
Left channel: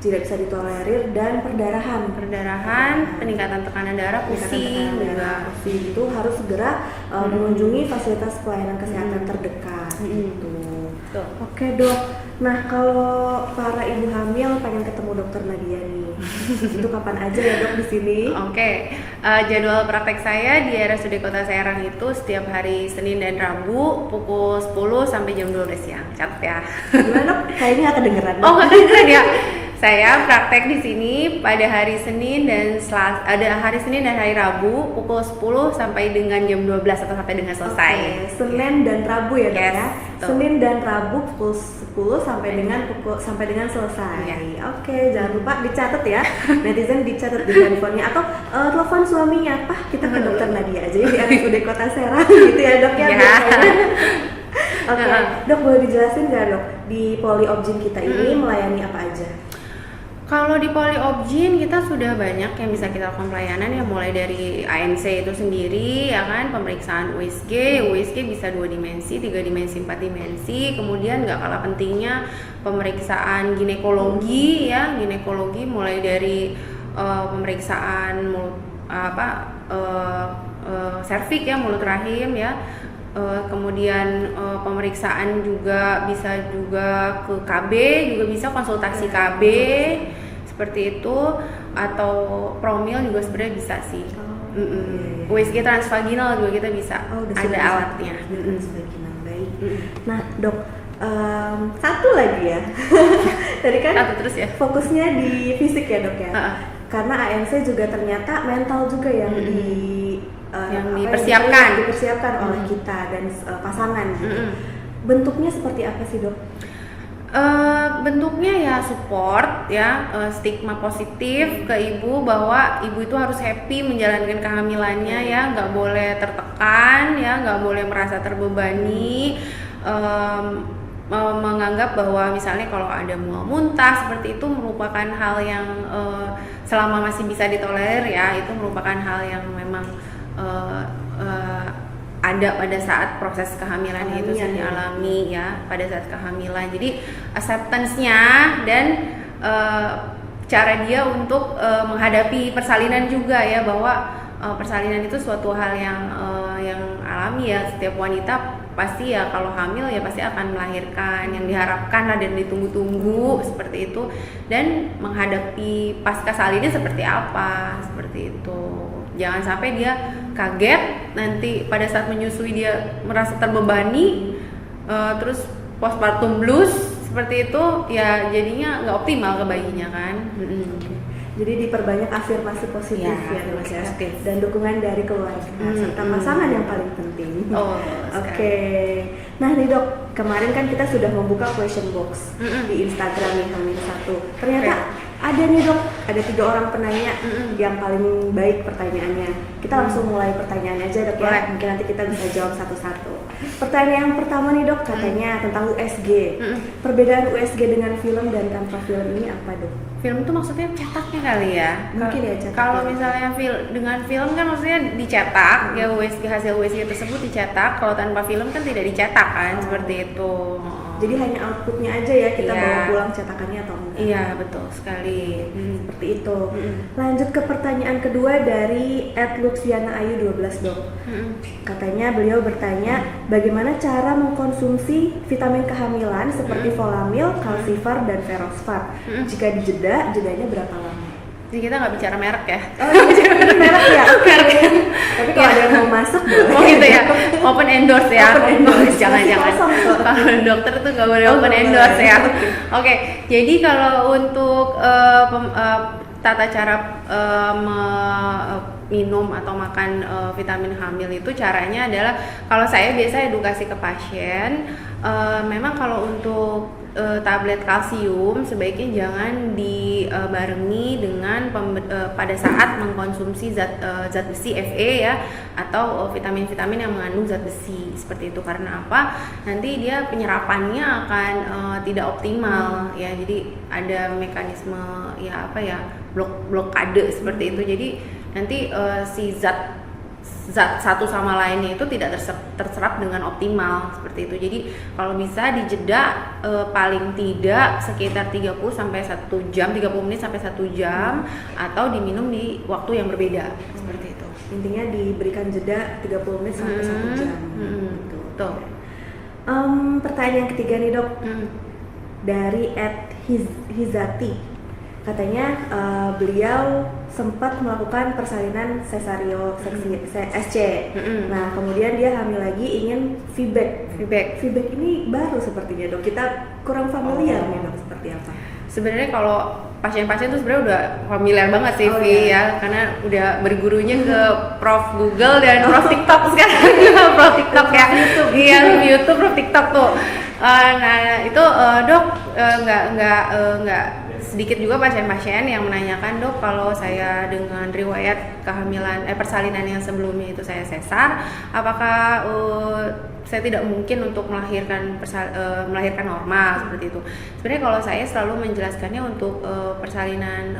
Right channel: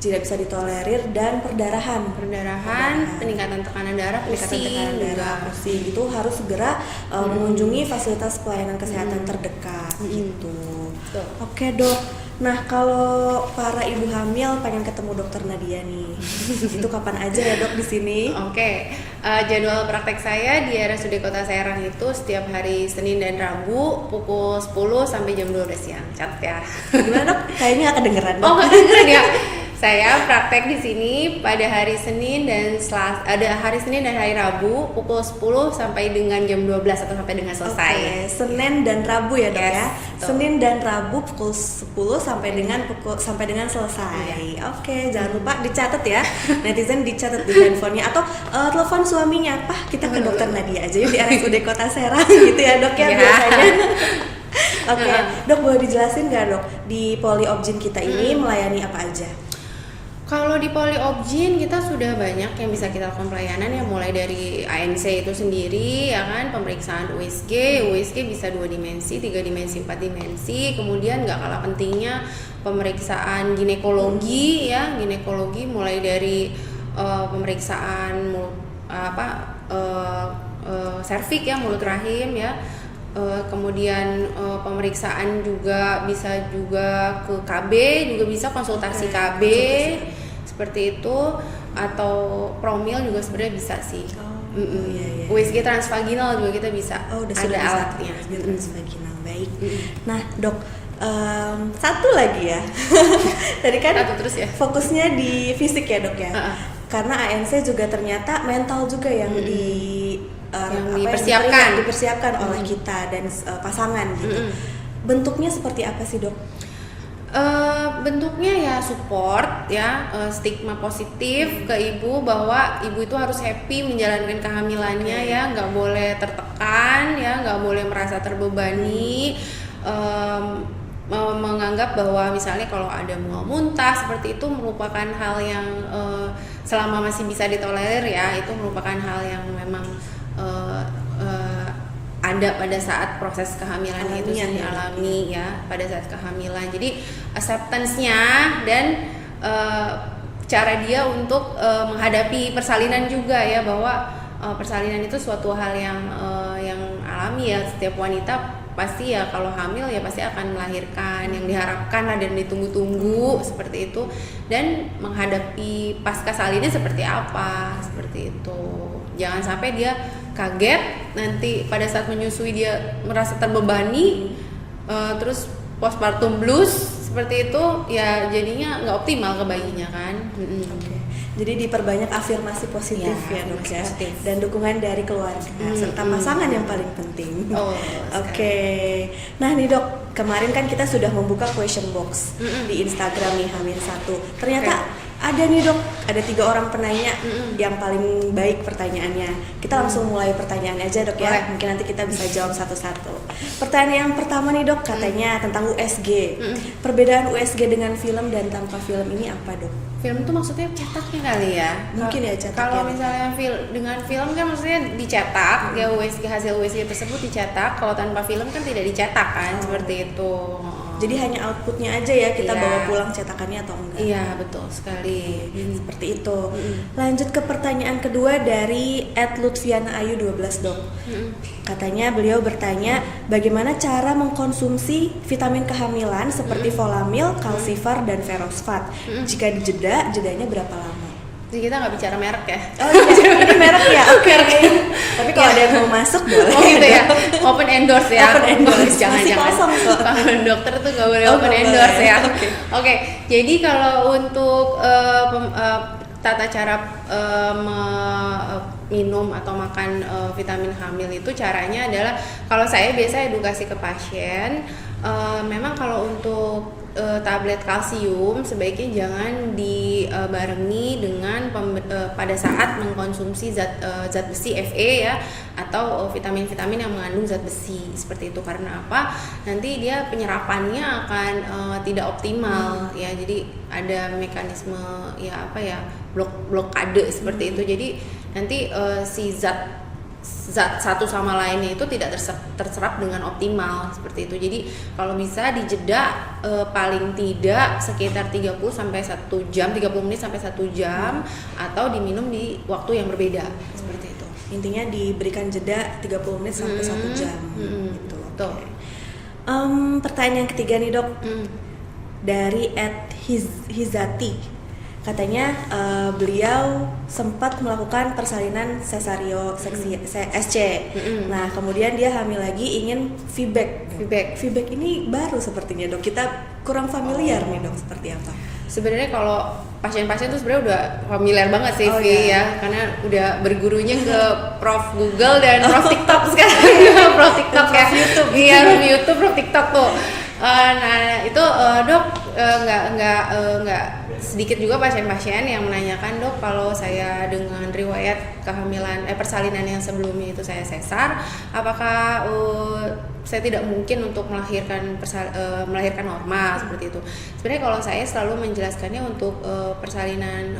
tidak bisa ditolerir, dan perdarahan, peningkatan tekanan darah, pusing itu harus segera mengunjungi fasilitas pelayanan kesehatan terdekat gitu. Oke dok. Nah kalau para ibu hamil pengen ketemu dokter Nadia nih, itu kapan aja ya dok di sini? Oke. Jadwal praktek saya di RSUD Kota Serang itu setiap hari Senin dan Rabu pukul 10 sampai jam 12 siang. Catat ya. Gimana dok? Kayaknya nggak kedengeran. Oh nggak kedengeran ya. Saya praktek di sini pada hari Senin dan hari Rabu pukul 10 sampai dengan jam 12 atau sampai dengan selesai. Senin dan Rabu ya dok ya. Betul. Senin dan Rabu pukul 10 sampai dengan selesai. Oke, jangan lupa dicatat ya. Netizen dicatat di handphonenya atau telepon suaminya. Kita ke dokter Nadia aja ya di RSUD Kota Serang gitu ya dok ya biasanya. Oke, dok boleh dijelasin nggak dok di Poli Obgyn kita ini melayani apa aja? Kalau di Poliobgyn kita sudah banyak yang bisa kita lakukan pelayanan ya, mulai dari ANC itu sendiri ya kan, pemeriksaan USG bisa 2 dimensi, 3 dimensi, 4 dimensi. Kemudian nggak kalah pentingnya pemeriksaan ginekologi ya, ginekologi mulai dari pemeriksaan serviks ya, mulut rahim ya. Kemudian pemeriksaan juga bisa juga ke KB, juga bisa konsultasi KB seperti itu, atau promil juga sebenarnya bisa sih. Iya. USG transvaginal juga kita bisa, udah ada alatnya. USG transvaginal, baik. Nah dok, satu lagi ya. Tadi kan Satu terus ya. fokusnya di fisik ya dok ya. Karena ANC juga ternyata mental juga yang dipersiapkan oleh kita dan pasangan gitu. Bentuknya seperti apa sih dok? Bentuknya ya support ya, stigma positif ke ibu bahwa ibu itu harus happy menjalankan kehamilannya ya, nggak boleh tertekan ya, nggak boleh merasa terbebani. Menganggap bahwa misalnya kalau ada mual muntah seperti itu merupakan hal yang selama masih bisa ditolerir ya, itu merupakan hal yang memang ada pada saat proses kehamilannya itu sih alami ya, pada saat kehamilan. Jadi acceptance-nya dan cara dia untuk menghadapi persalinan juga ya, bahwa persalinan itu suatu hal yang alami ya, setiap wanita pasti ya kalau hamil ya pasti akan melahirkan, yang diharapkan lah dan ditunggu-tunggu seperti itu, dan menghadapi pasca salinnya seperti apa, seperti itu. Jangan sampai dia kaget nanti pada saat menyusui dia merasa terbebani, terus postpartum blues seperti itu ya, jadinya nggak optimal ke bayinya kan. Jadi diperbanyak afirmasi positif ya dok ya, dan dukungan dari keluarga serta pasangan yang paling penting. Oke. Nah nih dok, kemarin kan kita sudah membuka question box di Instagram nih Hamil1. Ternyata ada nih dok, ada 3 orang penanya yang paling baik pertanyaannya. Kita langsung mulai pertanyaannya aja dok ya. Mungkin nanti kita bisa jawab satu-satu. Pertanyaan yang pertama nih dok, katanya tentang USG. Perbedaan USG dengan film dan tanpa film ini apa dok? Film itu maksudnya cetaknya kali ya? Mungkin ya cetak. Kalau misalnya dengan film kan maksudnya dicetak ya, USG, hasil USG tersebut dicetak. Kalau tanpa film kan tidak dicetak kan, seperti itu. Jadi hanya outputnya aja ya, kita bawa pulang cetakannya atau enggak? Iya betul sekali. Seperti itu. Lanjut ke pertanyaan kedua dari @lutfianaayu12 dok. Katanya beliau bertanya, bagaimana cara mengkonsumsi vitamin kehamilan seperti Folamil, Calcivar, dan Ferosfat? Jika dijeda, jedanya berapa lama? Jadi kita nggak bicara merek ya? Ini merek ya? Oke. Tapi kalau ada yang mau masuk boleh. Oh gitu ya? Open endorse ya? Open endorse. Jangan-jangan. Kalau dokter tuh nggak boleh open endorse ya? Oke. Jadi kalau untuk tata cara minum atau makan vitamin hamil itu, caranya adalah kalau saya biasa edukasi ke pasien, memang kalau untuk tablet kalsium sebaiknya jangan dibarengi dengan pada saat mengkonsumsi zat besi Fe ya, atau vitamin-vitamin yang mengandung zat besi seperti itu. Karena apa? Nanti dia penyerapannya akan tidak optimal ya. Jadi ada mekanisme ya blokade seperti itu. Jadi nanti si zat satu sama lainnya itu tidak terserap dengan optimal seperti itu. Jadi kalau bisa dijeda paling tidak sekitar 30 sampai 1 jam, 30 menit sampai 1 jam, atau diminum di waktu yang berbeda seperti itu. Intinya diberikan jeda 30 menit sampai 1 jam. Betul. Pertanyaan ketiga nih dok, dari @hizati. Katanya beliau sempat melakukan persalinan sesario SC. Nah, kemudian dia hamil lagi, ingin VBAC ini baru sepertinya dok. Kita kurang familiar nih dok, seperti apa? Sebenarnya kalau pasien-pasien tuh sebenarnya udah familiar banget sih ya, karena udah bergurunya ke Prof Google dan Prof TikTok sekarang. Prof TikTok ya, iya YouTube, Prof TikTok tuh. Nah itu dok nggak sedikit juga pasien-pasien yang menanyakan, dok, kalau saya dengan riwayat kehamilan persalinan yang sebelumnya itu saya sesar, apakah saya tidak mungkin untuk melahirkan normal seperti itu. Sebenarnya kalau saya selalu menjelaskannya untuk persalinan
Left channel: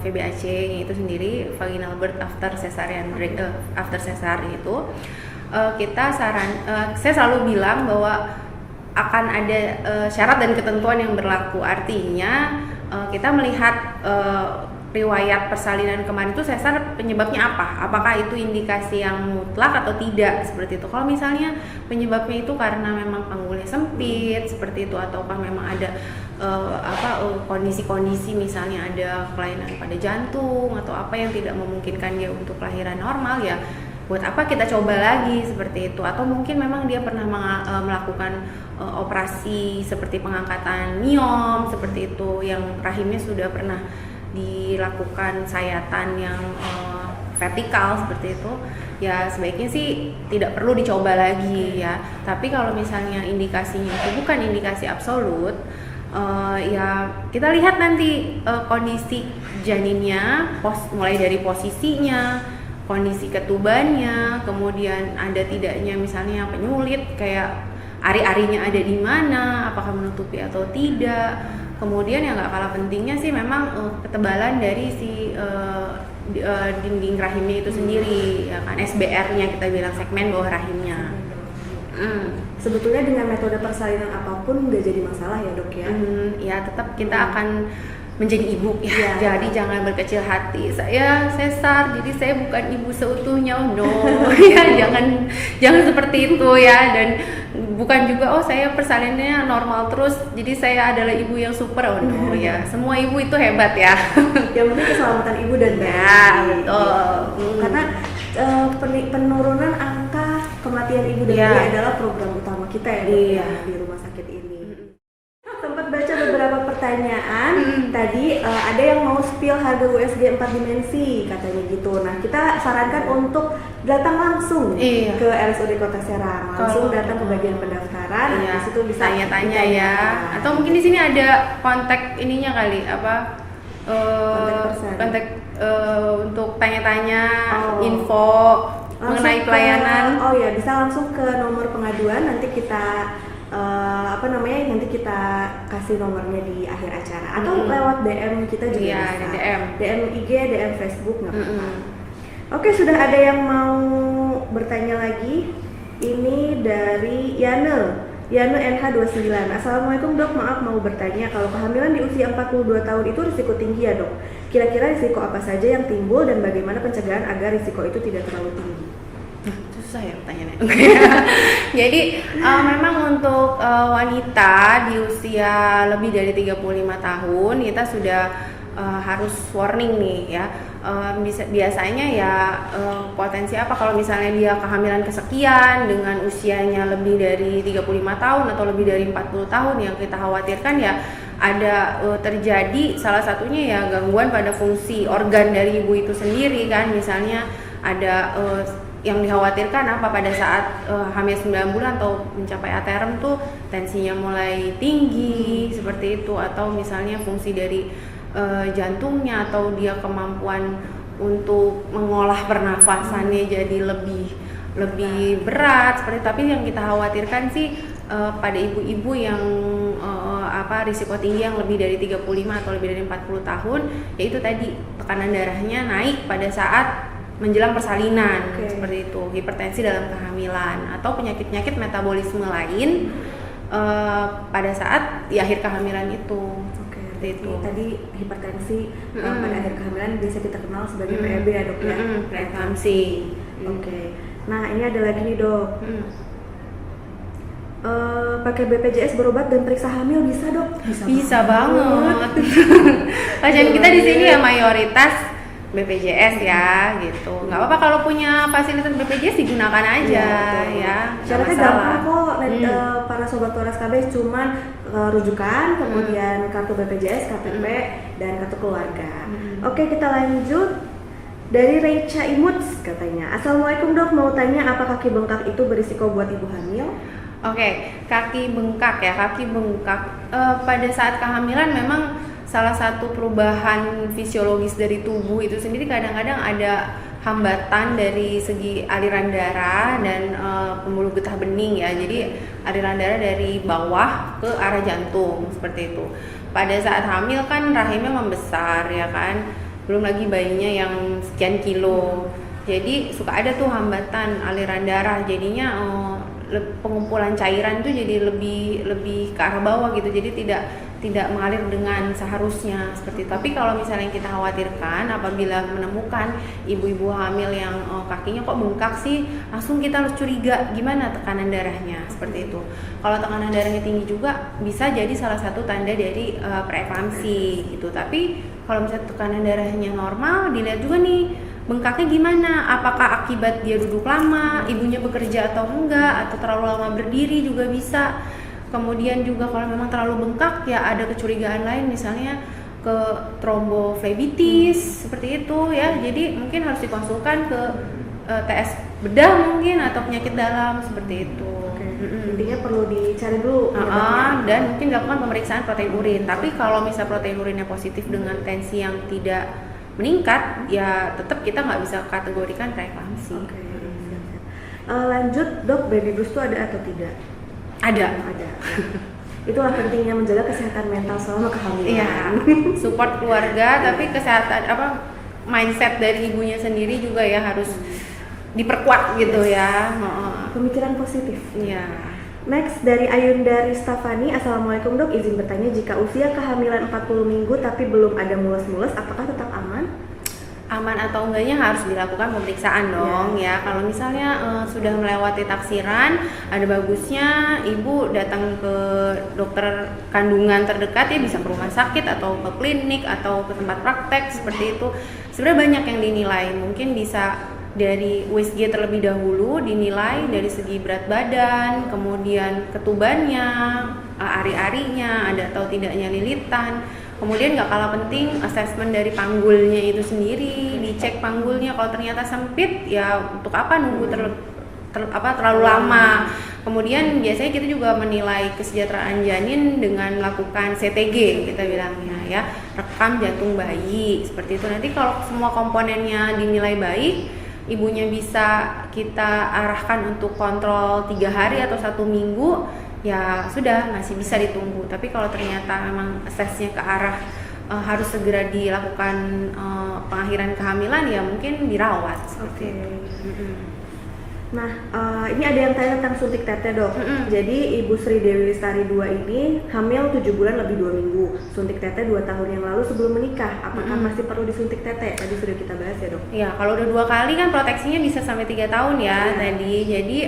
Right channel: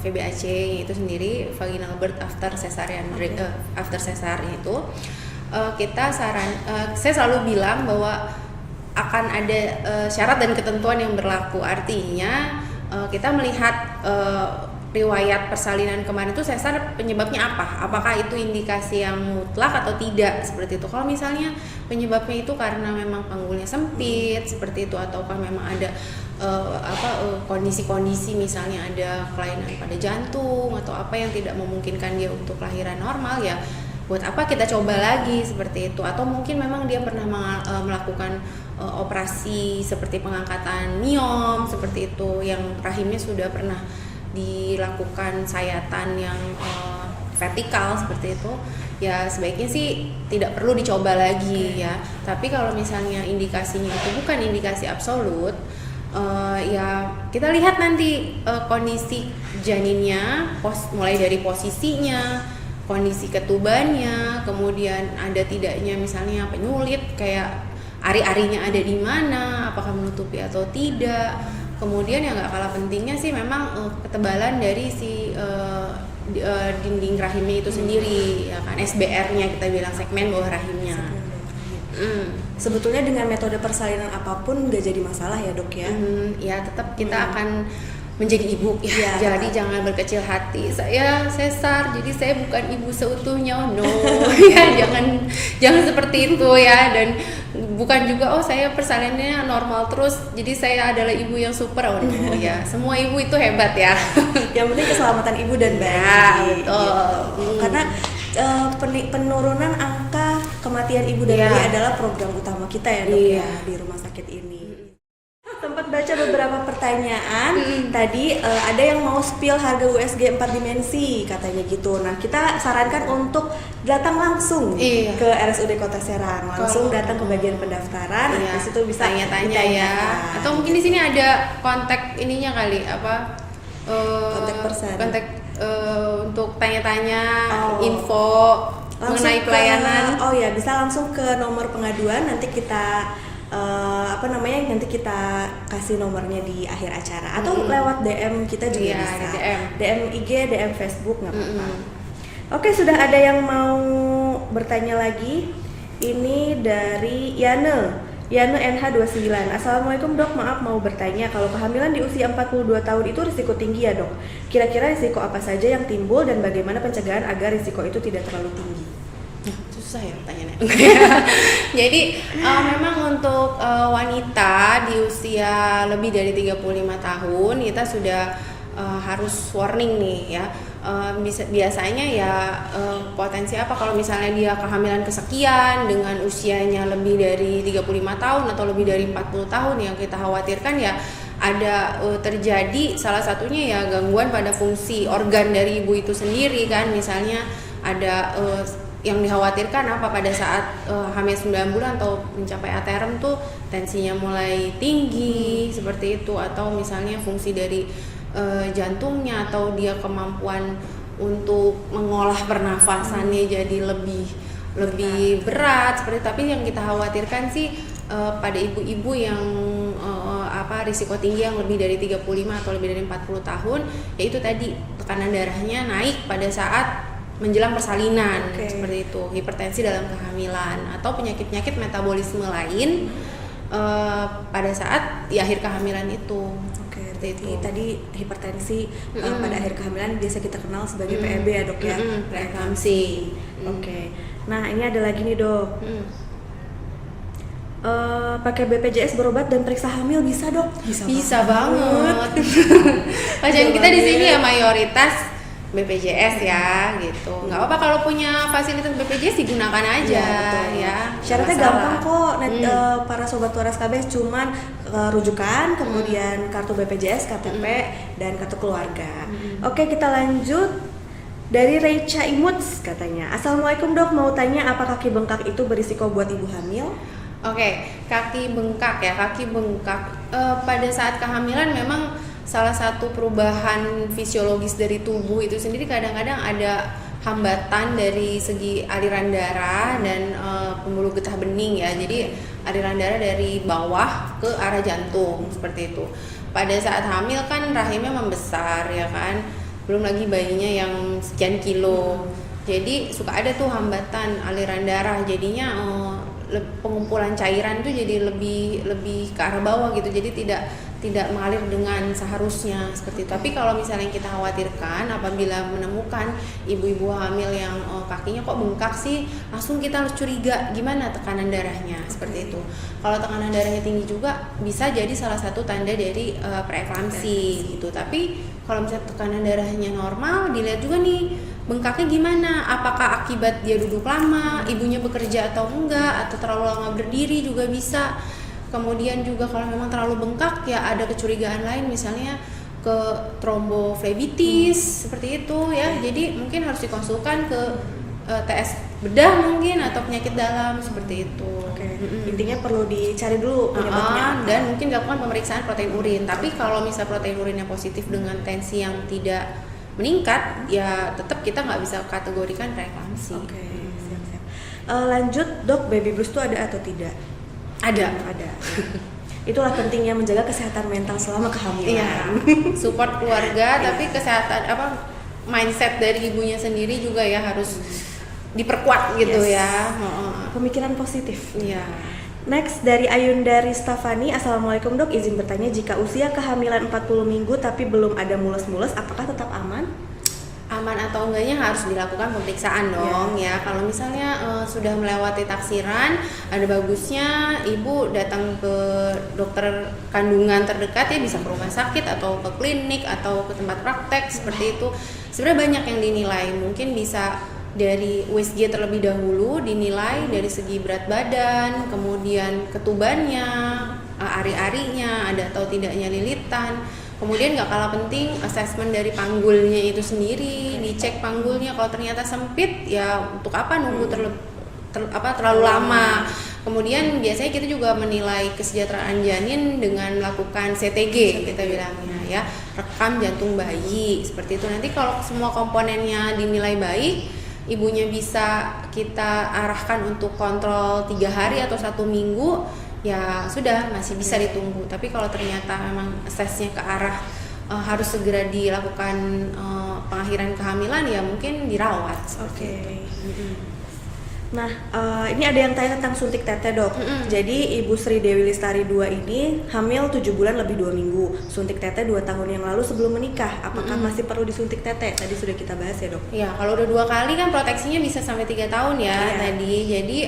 VBAC itu sendiri, vaginal birth after cesarean after cesar itu, saya selalu bilang bahwa akan ada syarat dan ketentuan yang berlaku. Artinya kita melihat riwayat persalinan kemarin itu sesar penyebabnya apa? Apakah itu indikasi yang mutlak atau tidak seperti itu? Kalau misalnya penyebabnya itu karena memang panggulnya sempit seperti itu, ataukah memang ada kondisi-kondisi misalnya ada kelainan pada jantung atau apa yang tidak memungkinkan dia untuk kelahiran normal, ya buat apa kita coba lagi seperti itu. Atau mungkin memang dia pernah melakukan operasi seperti pengangkatan miom seperti itu, yang rahimnya sudah pernah dilakukan sayatan yang vertikal seperti itu, ya sebaiknya sih tidak perlu dicoba lagi ya. Tapi kalau misalnya indikasinya itu bukan indikasi absolut, ya kita lihat nanti kondisi janinnya, mulai dari posisinya, kondisi ketubannya, kemudian ada tidaknya misalnya penyulit, kayak ari-arinya ada di mana, apakah menutupi atau tidak. Kemudian yang nggak kalah pentingnya sih memang ketebalan dari si dinding rahimnya itu sendiri, ya kan, SBR-nya kita bilang, segmen bawah rahimnya. Sebetulnya dengan metode persalinan apapun nggak jadi masalah ya, dok ya? Ya tetap kita akan menjadi ibu ya. Jadi jangan berkecil hati, saya sesar jadi saya bukan ibu seutuhnya, no. Ya jangan seperti itu ya. Dan bukan juga saya persalinannya normal terus jadi saya adalah ibu yang super, no ya. Semua ibu itu hebat ya. Yang penting keselamatan ibu dan bayi. Ya, betul. Karena penurunan angka kematian ibu dan bayi adalah program utama kita ya, dok, ya, di rumah sakit ini. Sempat baca beberapa pertanyaan. Tadi ada yang mau spill harga USG 4 dimensi katanya gitu. Nah, kita sarankan untuk datang langsung ke RSUD Kota Serang, langsung datang ke bagian pendaftaran. Di situ bisa tanya-tanya ya. Atau mungkin di sini ada kontak ininya kali, kontak untuk tanya-tanya info mengenai pelayanan. Bisa langsung ke nomor pengaduan, nanti kita nanti kita kasih nomornya di akhir acara, atau lewat DM kita juga bisa. DM IG, DM Facebook nggak apa-apa. Oke, sudah ada yang mau bertanya lagi. Ini dari Yane NH29. Assalamualaikum, dok, maaf mau bertanya, kalau kehamilan di usia 42 tahun itu risiko tinggi ya, dok? Kira-kira risiko apa saja yang timbul dan bagaimana pencegahan agar risiko itu tidak terlalu tinggi? Susah ya pertanyaannya. Jadi memang untuk wanita di usia lebih dari 35 tahun kita sudah harus warning nih ya. Biasanya ya potensi apa kalau misalnya dia kehamilan kesekian dengan usianya lebih dari 35 tahun atau lebih dari 40 tahun, yang kita khawatirkan ya ada terjadi salah satunya ya gangguan pada fungsi organ dari ibu itu sendiri kan. Misalnya ada yang dikhawatirkan pada saat hamil 9 bulan atau mencapai aterem tuh tensinya mulai tinggi seperti itu, atau misalnya fungsi dari jantungnya atau dia kemampuan untuk mengolah pernafasannya jadi lebih berat seperti itu. Tapi yang kita khawatirkan sih pada ibu-ibu yang risiko tinggi yang lebih dari 35 atau lebih dari 40 tahun, yaitu tadi tekanan darahnya naik pada saat menjelang persalinan, seperti itu, hipertensi dalam kehamilan, atau penyakit-penyakit metabolisme lain pada saat di akhir kehamilan itu. Itu tadi hipertensi pada akhir kehamilan biasa kita kenal sebagai PEB ya, dok ya, preeklamsi. Nah ini ada lagi nih, dok. Pakai BPJS berobat dan periksa hamil bisa, dok? Bisa banget. Pasien kita di sini ya mayoritas BPJS ya gitu. Nggak apa-apa kalau punya fasilitas BPJS digunakan aja ya. Syaratnya gampang kok. Para sobat waras KB cuman rujukan, kemudian kartu BPJS, KTP, dan kartu keluarga. Oke, kita lanjut. Dari Recha Imuts katanya, Assalamualaikum, dok, mau tanya apa kaki bengkak itu berisiko buat ibu hamil? Kaki bengkak ya, pada saat kehamilan memang salah satu perubahan fisiologis dari tubuh itu sendiri kadang-kadang ada hambatan dari segi aliran darah dan pembuluh getah bening ya. Jadi aliran darah dari bawah ke arah jantung seperti itu. Pada saat hamil kan rahimnya membesar ya kan, belum lagi bayinya yang sekian kilo. Jadi suka ada tuh hambatan aliran darah, jadinya pengumpulan cairan itu jadi lebih ke arah bawah gitu, jadi tidak mengalir dengan seharusnya seperti itu. Tapi kalau misalnya yang kita khawatirkan apabila menemukan ibu-ibu hamil yang kakinya kok bengkak sih, langsung kita harus curiga gimana tekanan darahnya seperti itu. Kalau tekanan darahnya tinggi juga bisa jadi salah satu tanda dari preeklamsi gitu. Tapi kalau misalnya tekanan darahnya normal, dilihat juga nih bengkaknya gimana, apakah akibat dia duduk lama, ibunya bekerja atau enggak, atau terlalu lama berdiri juga bisa. Kemudian juga kalau memang terlalu bengkak ya ada kecurigaan lain, misalnya ke tromboflebitis seperti itu ya. Jadi mungkin harus dikonsulkan ke TS bedah mungkin atau penyakit dalam seperti itu. Intinya perlu dicari dulu penyebabnya. Dan mungkin dilakukan pemeriksaan protein urin. Tapi kalau misalnya protein urinnya positif dengan tensi yang tidak meningkat, ya tetap kita nggak bisa kategorikan preeklamsi. Siap-siap. Lanjut dok, baby blues itu ada atau tidak? Ada. Itulah pentingnya menjaga kesehatan mental selama kehamilan. Iya. Support keluarga, tapi kesehatan mindset dari ibunya sendiri juga ya harus diperkuat gitu ya. Pemikiran positif. Iya. Next dari Ayunda Ristafani, Assalamualaikum dok, izin bertanya, jika usia kehamilan 40 minggu tapi belum ada mules-mules, apakah tetap aman? Aman atau enggaknya harus dilakukan pemeriksaan dong ya. Kalau misalnya sudah melewati taksiran, ada bagusnya ibu datang ke dokter kandungan terdekat ya, bisa ke rumah sakit atau ke klinik atau ke tempat praktek seperti itu. Sebenarnya banyak yang dinilai, mungkin bisa dari USG terlebih dahulu, dinilai dari segi berat badan, kemudian ketubannya, ari-arinya, ada atau tidaknya lilitan. Kemudian nggak kalah penting asesmen dari panggulnya itu sendiri, dicek panggulnya, kalau ternyata sempit ya untuk apa nunggu terlalu lama. Kemudian biasanya kita juga menilai kesejahteraan janin dengan melakukan CTG kita bilangnya ya, rekam jantung bayi seperti itu. Nanti kalau semua komponennya dinilai baik, ibunya bisa kita arahkan untuk kontrol 3 hari atau 1 minggu, ya sudah masih bisa ditunggu. Tapi kalau ternyata memang asesnya ke arah harus segera dilakukan pengakhiran kehamilan, ya mungkin dirawat. Nah, ini ada yang tanya tentang suntik tete dok. Jadi Ibu Sri Dewi Lestari 2 ini hamil 7 bulan lebih 2 minggu. Suntik tete 2 tahun yang lalu sebelum menikah. Apakah masih perlu disuntik tete? Tadi sudah kita bahas ya dok. Iya, kalau udah 2 kali kan proteksinya bisa sampai 3 tahun ya tadi. Jadi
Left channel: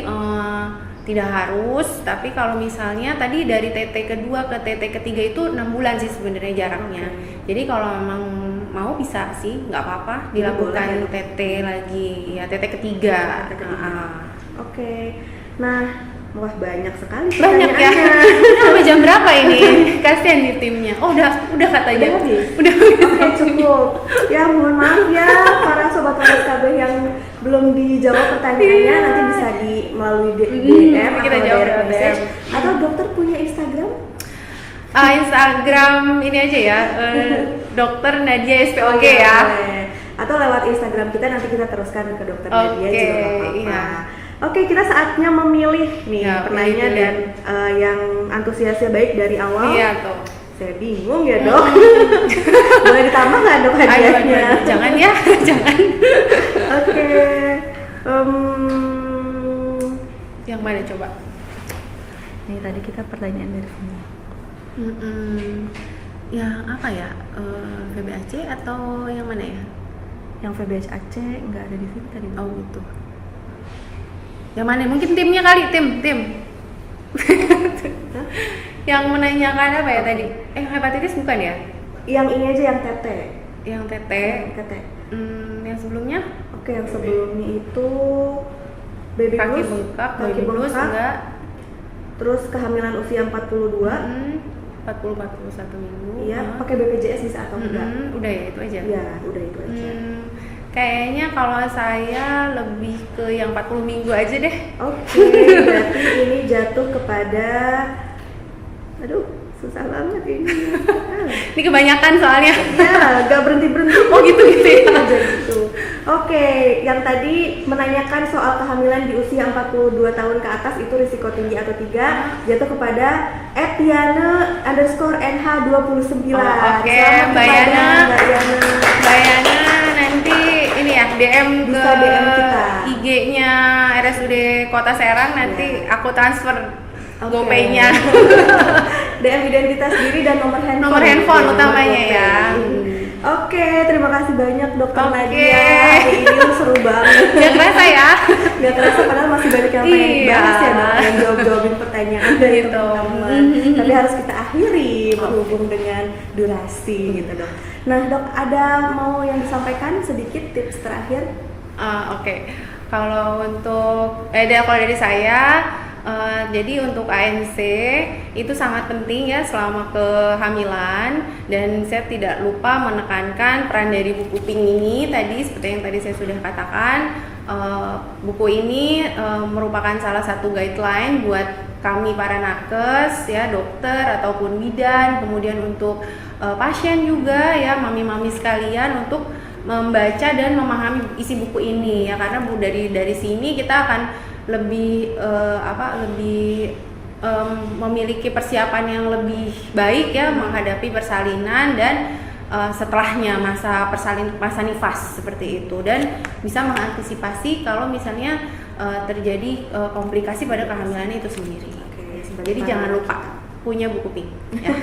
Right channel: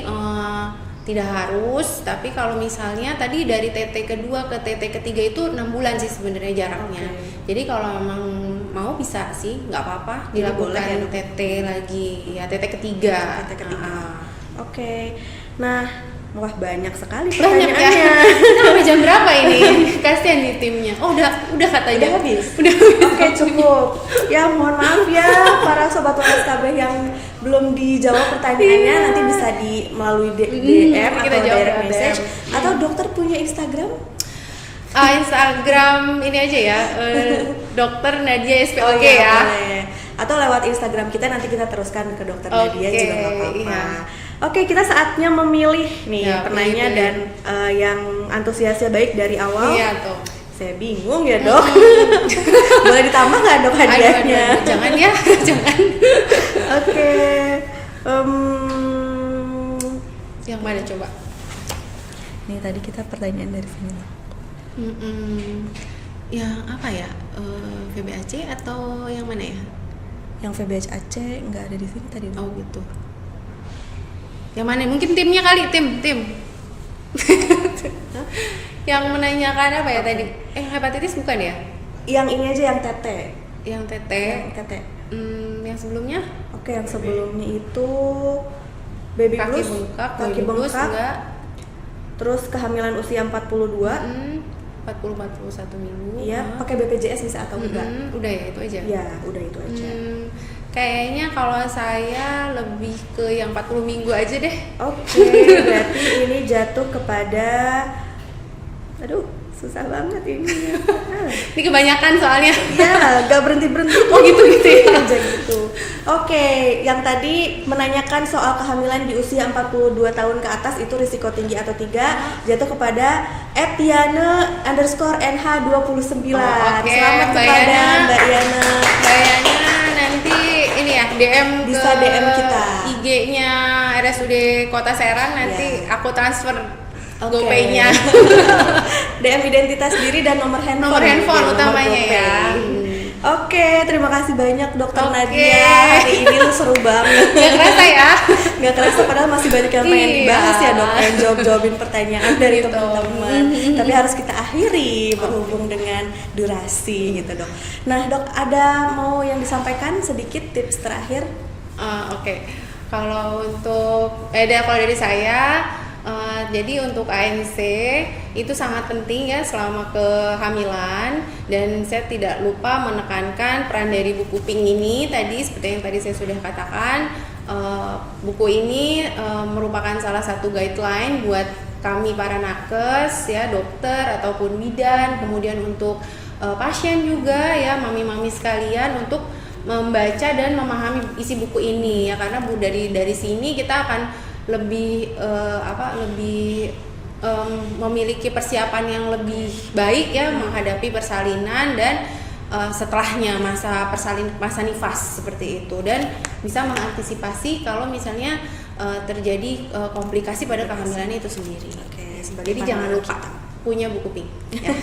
tidak harus, tapi kalau misalnya tadi dari TT kedua ke TT ketiga itu 6 bulan sih sebenarnya jaraknya. Jadi kalau memang mau bisa sih, nggak apa-apa dilakukan TT lagi ya, TT ketiga. Nah, wah banyak sekali banyak ya. Udah jam berapa ini? Kasihan nih timnya. Oh udah katanya. Udah habis. Oke, cukup. Ya mohon maaf ya para sobat Waras KB yang belum dijawab pertanyaannya, nanti bisa melalui DM atau direct message. Atau dokter punya Instagram? Instagram ini aja ya, Dokter Nadia SPOG ya. Atau lewat Instagram kita, nanti kita teruskan ke Dokter Nadia juga nggak apa-apa. Oke, kita saatnya memilih nih penanya dan yang antusiasnya baik dari awal. Iya tuh. Saya bingung ya dok. Boleh ditambah nggak dok hadiahnya? Jangan ya, jangan. Oke. Yang mana coba? Nih tadi kita pertanyaan dari sini. Yang apa ya? VBAC atau yang mana ya? Yang VBAC nggak ada di sini tadi. Oh gitu. Yang mana? Mungkin timnya kali, tim. Yang menanyakan apa ya tadi? Hepatitis bukan ya? Yang ini aja, yang tete. Yang tete. Yang sebelumnya? Oke, yang sebelumnya itu baby kaki blues, bengkak, baby blues enggak. Terus kehamilan usia 42. 40-41 minggu. Iya, pakai BPJS bisa atau enggak? Udah ya, itu aja. Iya, udah itu aja. Kayaknya kalau saya lebih ke yang 40 minggu aja deh. Oke, berarti ini jatuh kepada susah banget ini. Ini kebanyakan soalnya. Ya, gak berhenti-berhenti. Oh gitu ya. Aja gitu. Oke, yang tadi menanyakan soal kehamilan di usia 42 tahun ke atas itu risiko tinggi atau tidak, jatuh kepada @yana_nh29. Oke, Selamat Mbak kepada Yana. Mbak Yana. Mbak Yana nanti ini ya DM Bisa ke DM kita. IG-nya RSUD Kota Serang, nanti aku transfer Oke. GoPay-nya. DM identitas diri dan nomor handphone. Nomor handphone Nomor utamanya GoPay. ya. Oke, terima kasih banyak Dokter Oke. Nadia. Hari ini lu seru banget. Gak kerasa ya? Gak terasa padahal masih banyak yang pengen Iya. dibahas ya Dok, yang jawabin pertanyaan dari Gitu. teman-teman. Tapi harus kita akhiri berhubung dengan durasi gitu Dok. Nah Dok, ada mau yang disampaikan sedikit tips terakhir? Oke. Kalau untuk kalau dari saya, jadi untuk ANC itu sangat penting ya selama kehamilan, dan saya tidak lupa menekankan peran dari buku Pink ini tadi, seperti yang tadi saya sudah katakan. Buku ini merupakan salah satu guideline buat kami para nakes ya, dokter ataupun bidan, kemudian untuk pasien juga ya, mami-mami sekalian, untuk membaca dan memahami isi buku ini ya, karena dari sini kita akan lebih memiliki persiapan yang lebih baik ya menghadapi persalinan dan setelahnya masa nifas seperti itu, dan bisa mengantisipasi kalau misalnya terjadi komplikasi pada kehamilan itu sendiri. Oke, Jadi jangan lupa punya buku Pink. Ya.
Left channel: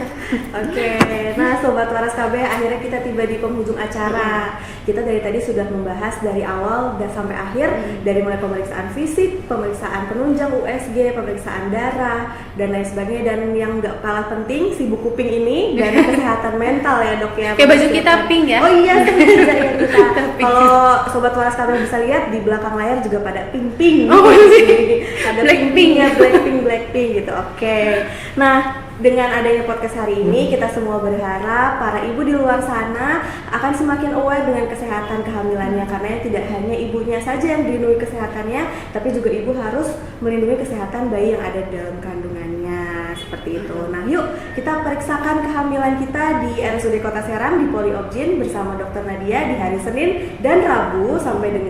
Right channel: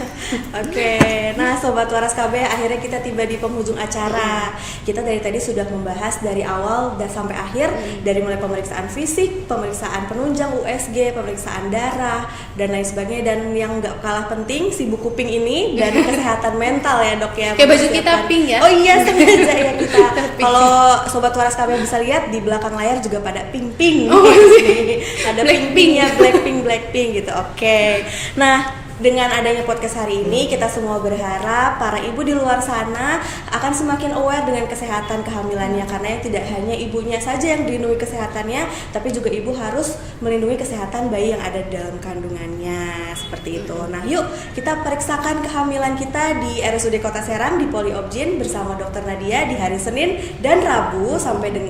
Oke, nah Sobat Waras KB, akhirnya kita tiba di penghujung acara. Kita dari tadi sudah membahas dari awal dan sampai akhir, dari mulai pemeriksaan fisik, pemeriksaan penunjang USG, pemeriksaan darah, dan lain sebagainya. Dan yang gak kalah penting, si buku Pink ini, dan kesehatan mental ya Dok ya. Kayak baju kita pink ya. Oh iya, sengaja ya kita. Kalau Sobat Waras KB bisa lihat, di belakang layar juga pada pink-pink. Oh, Ada pink-pink ya, Blackpink gitu. Oke, nah dengan adanya podcast hari ini, kita semua berharap para ibu di luar sana akan semakin aware dengan kesehatan kehamilannya, karena tidak hanya ibunya saja yang dilindungi kesehatannya, tapi juga ibu harus melindungi kesehatan bayi yang ada di dalam kandungannya, seperti itu. Nah yuk kita periksakan kehamilan kita di RSUD Kota Serang di Poliobgyn bersama Dokter Nadia di hari Senin dan Rabu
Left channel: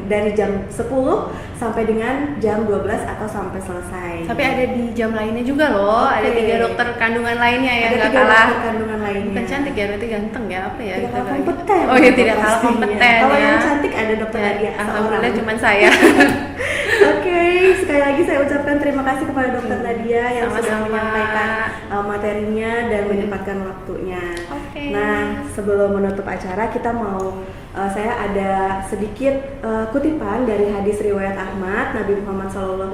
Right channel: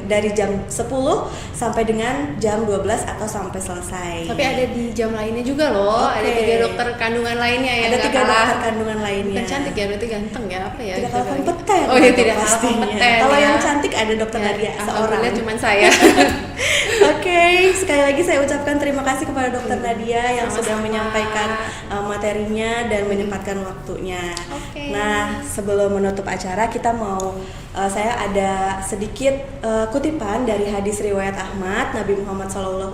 dari jam 10 sampai dengan jam 12 atau sampai selesai. Tapi ada di jam lainnya juga loh. Oke. Ada 3 dokter kandungan lainnya yang Ada nggak 3 kalah. dokter kandungan lainnya. Bukan cantik ya, berarti ganteng ya, apa ya? Tidak kalah coba. kompeten. Oh iya, tidak kalah pastinya. kompeten. Kalau ya. yang cantik ada Dokter Nadia Alhamdulillah seorang. cuma saya. Oke, sekali lagi saya ucapkan terima kasih kepada Dokter Nadia yang sudah Sama-sama. menyampaikan materinya dan menyempatkan waktunya. Oke. Nah, sebelum menutup acara kita mau saya ada sedikit kutipan dari hadis riwayat Ahmad. Nabi Muhammad SAW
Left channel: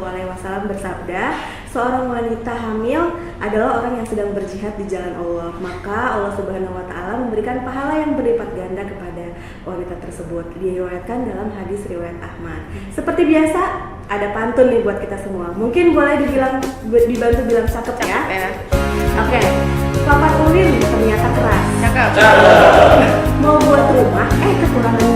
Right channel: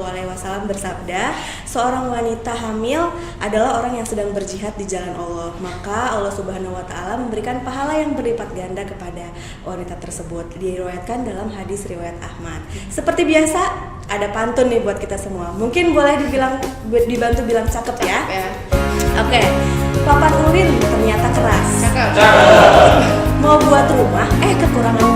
bersabda, seorang wanita hamil adalah orang yang sedang berjihad di jalan Allah, maka Allah Subhanahu wa taala memberikan pahala yang berlipat ganda kepada wanita tersebut. Diriwayatkan dalam hadis riwayat Ahmad. Seperti biasa ada pantun nih buat kita semua. Mungkin boleh dibantu bilang cakep ya. Ya. Oke. Papa Turin ternyata keras. Cakep. Mau buat rumah kekurangan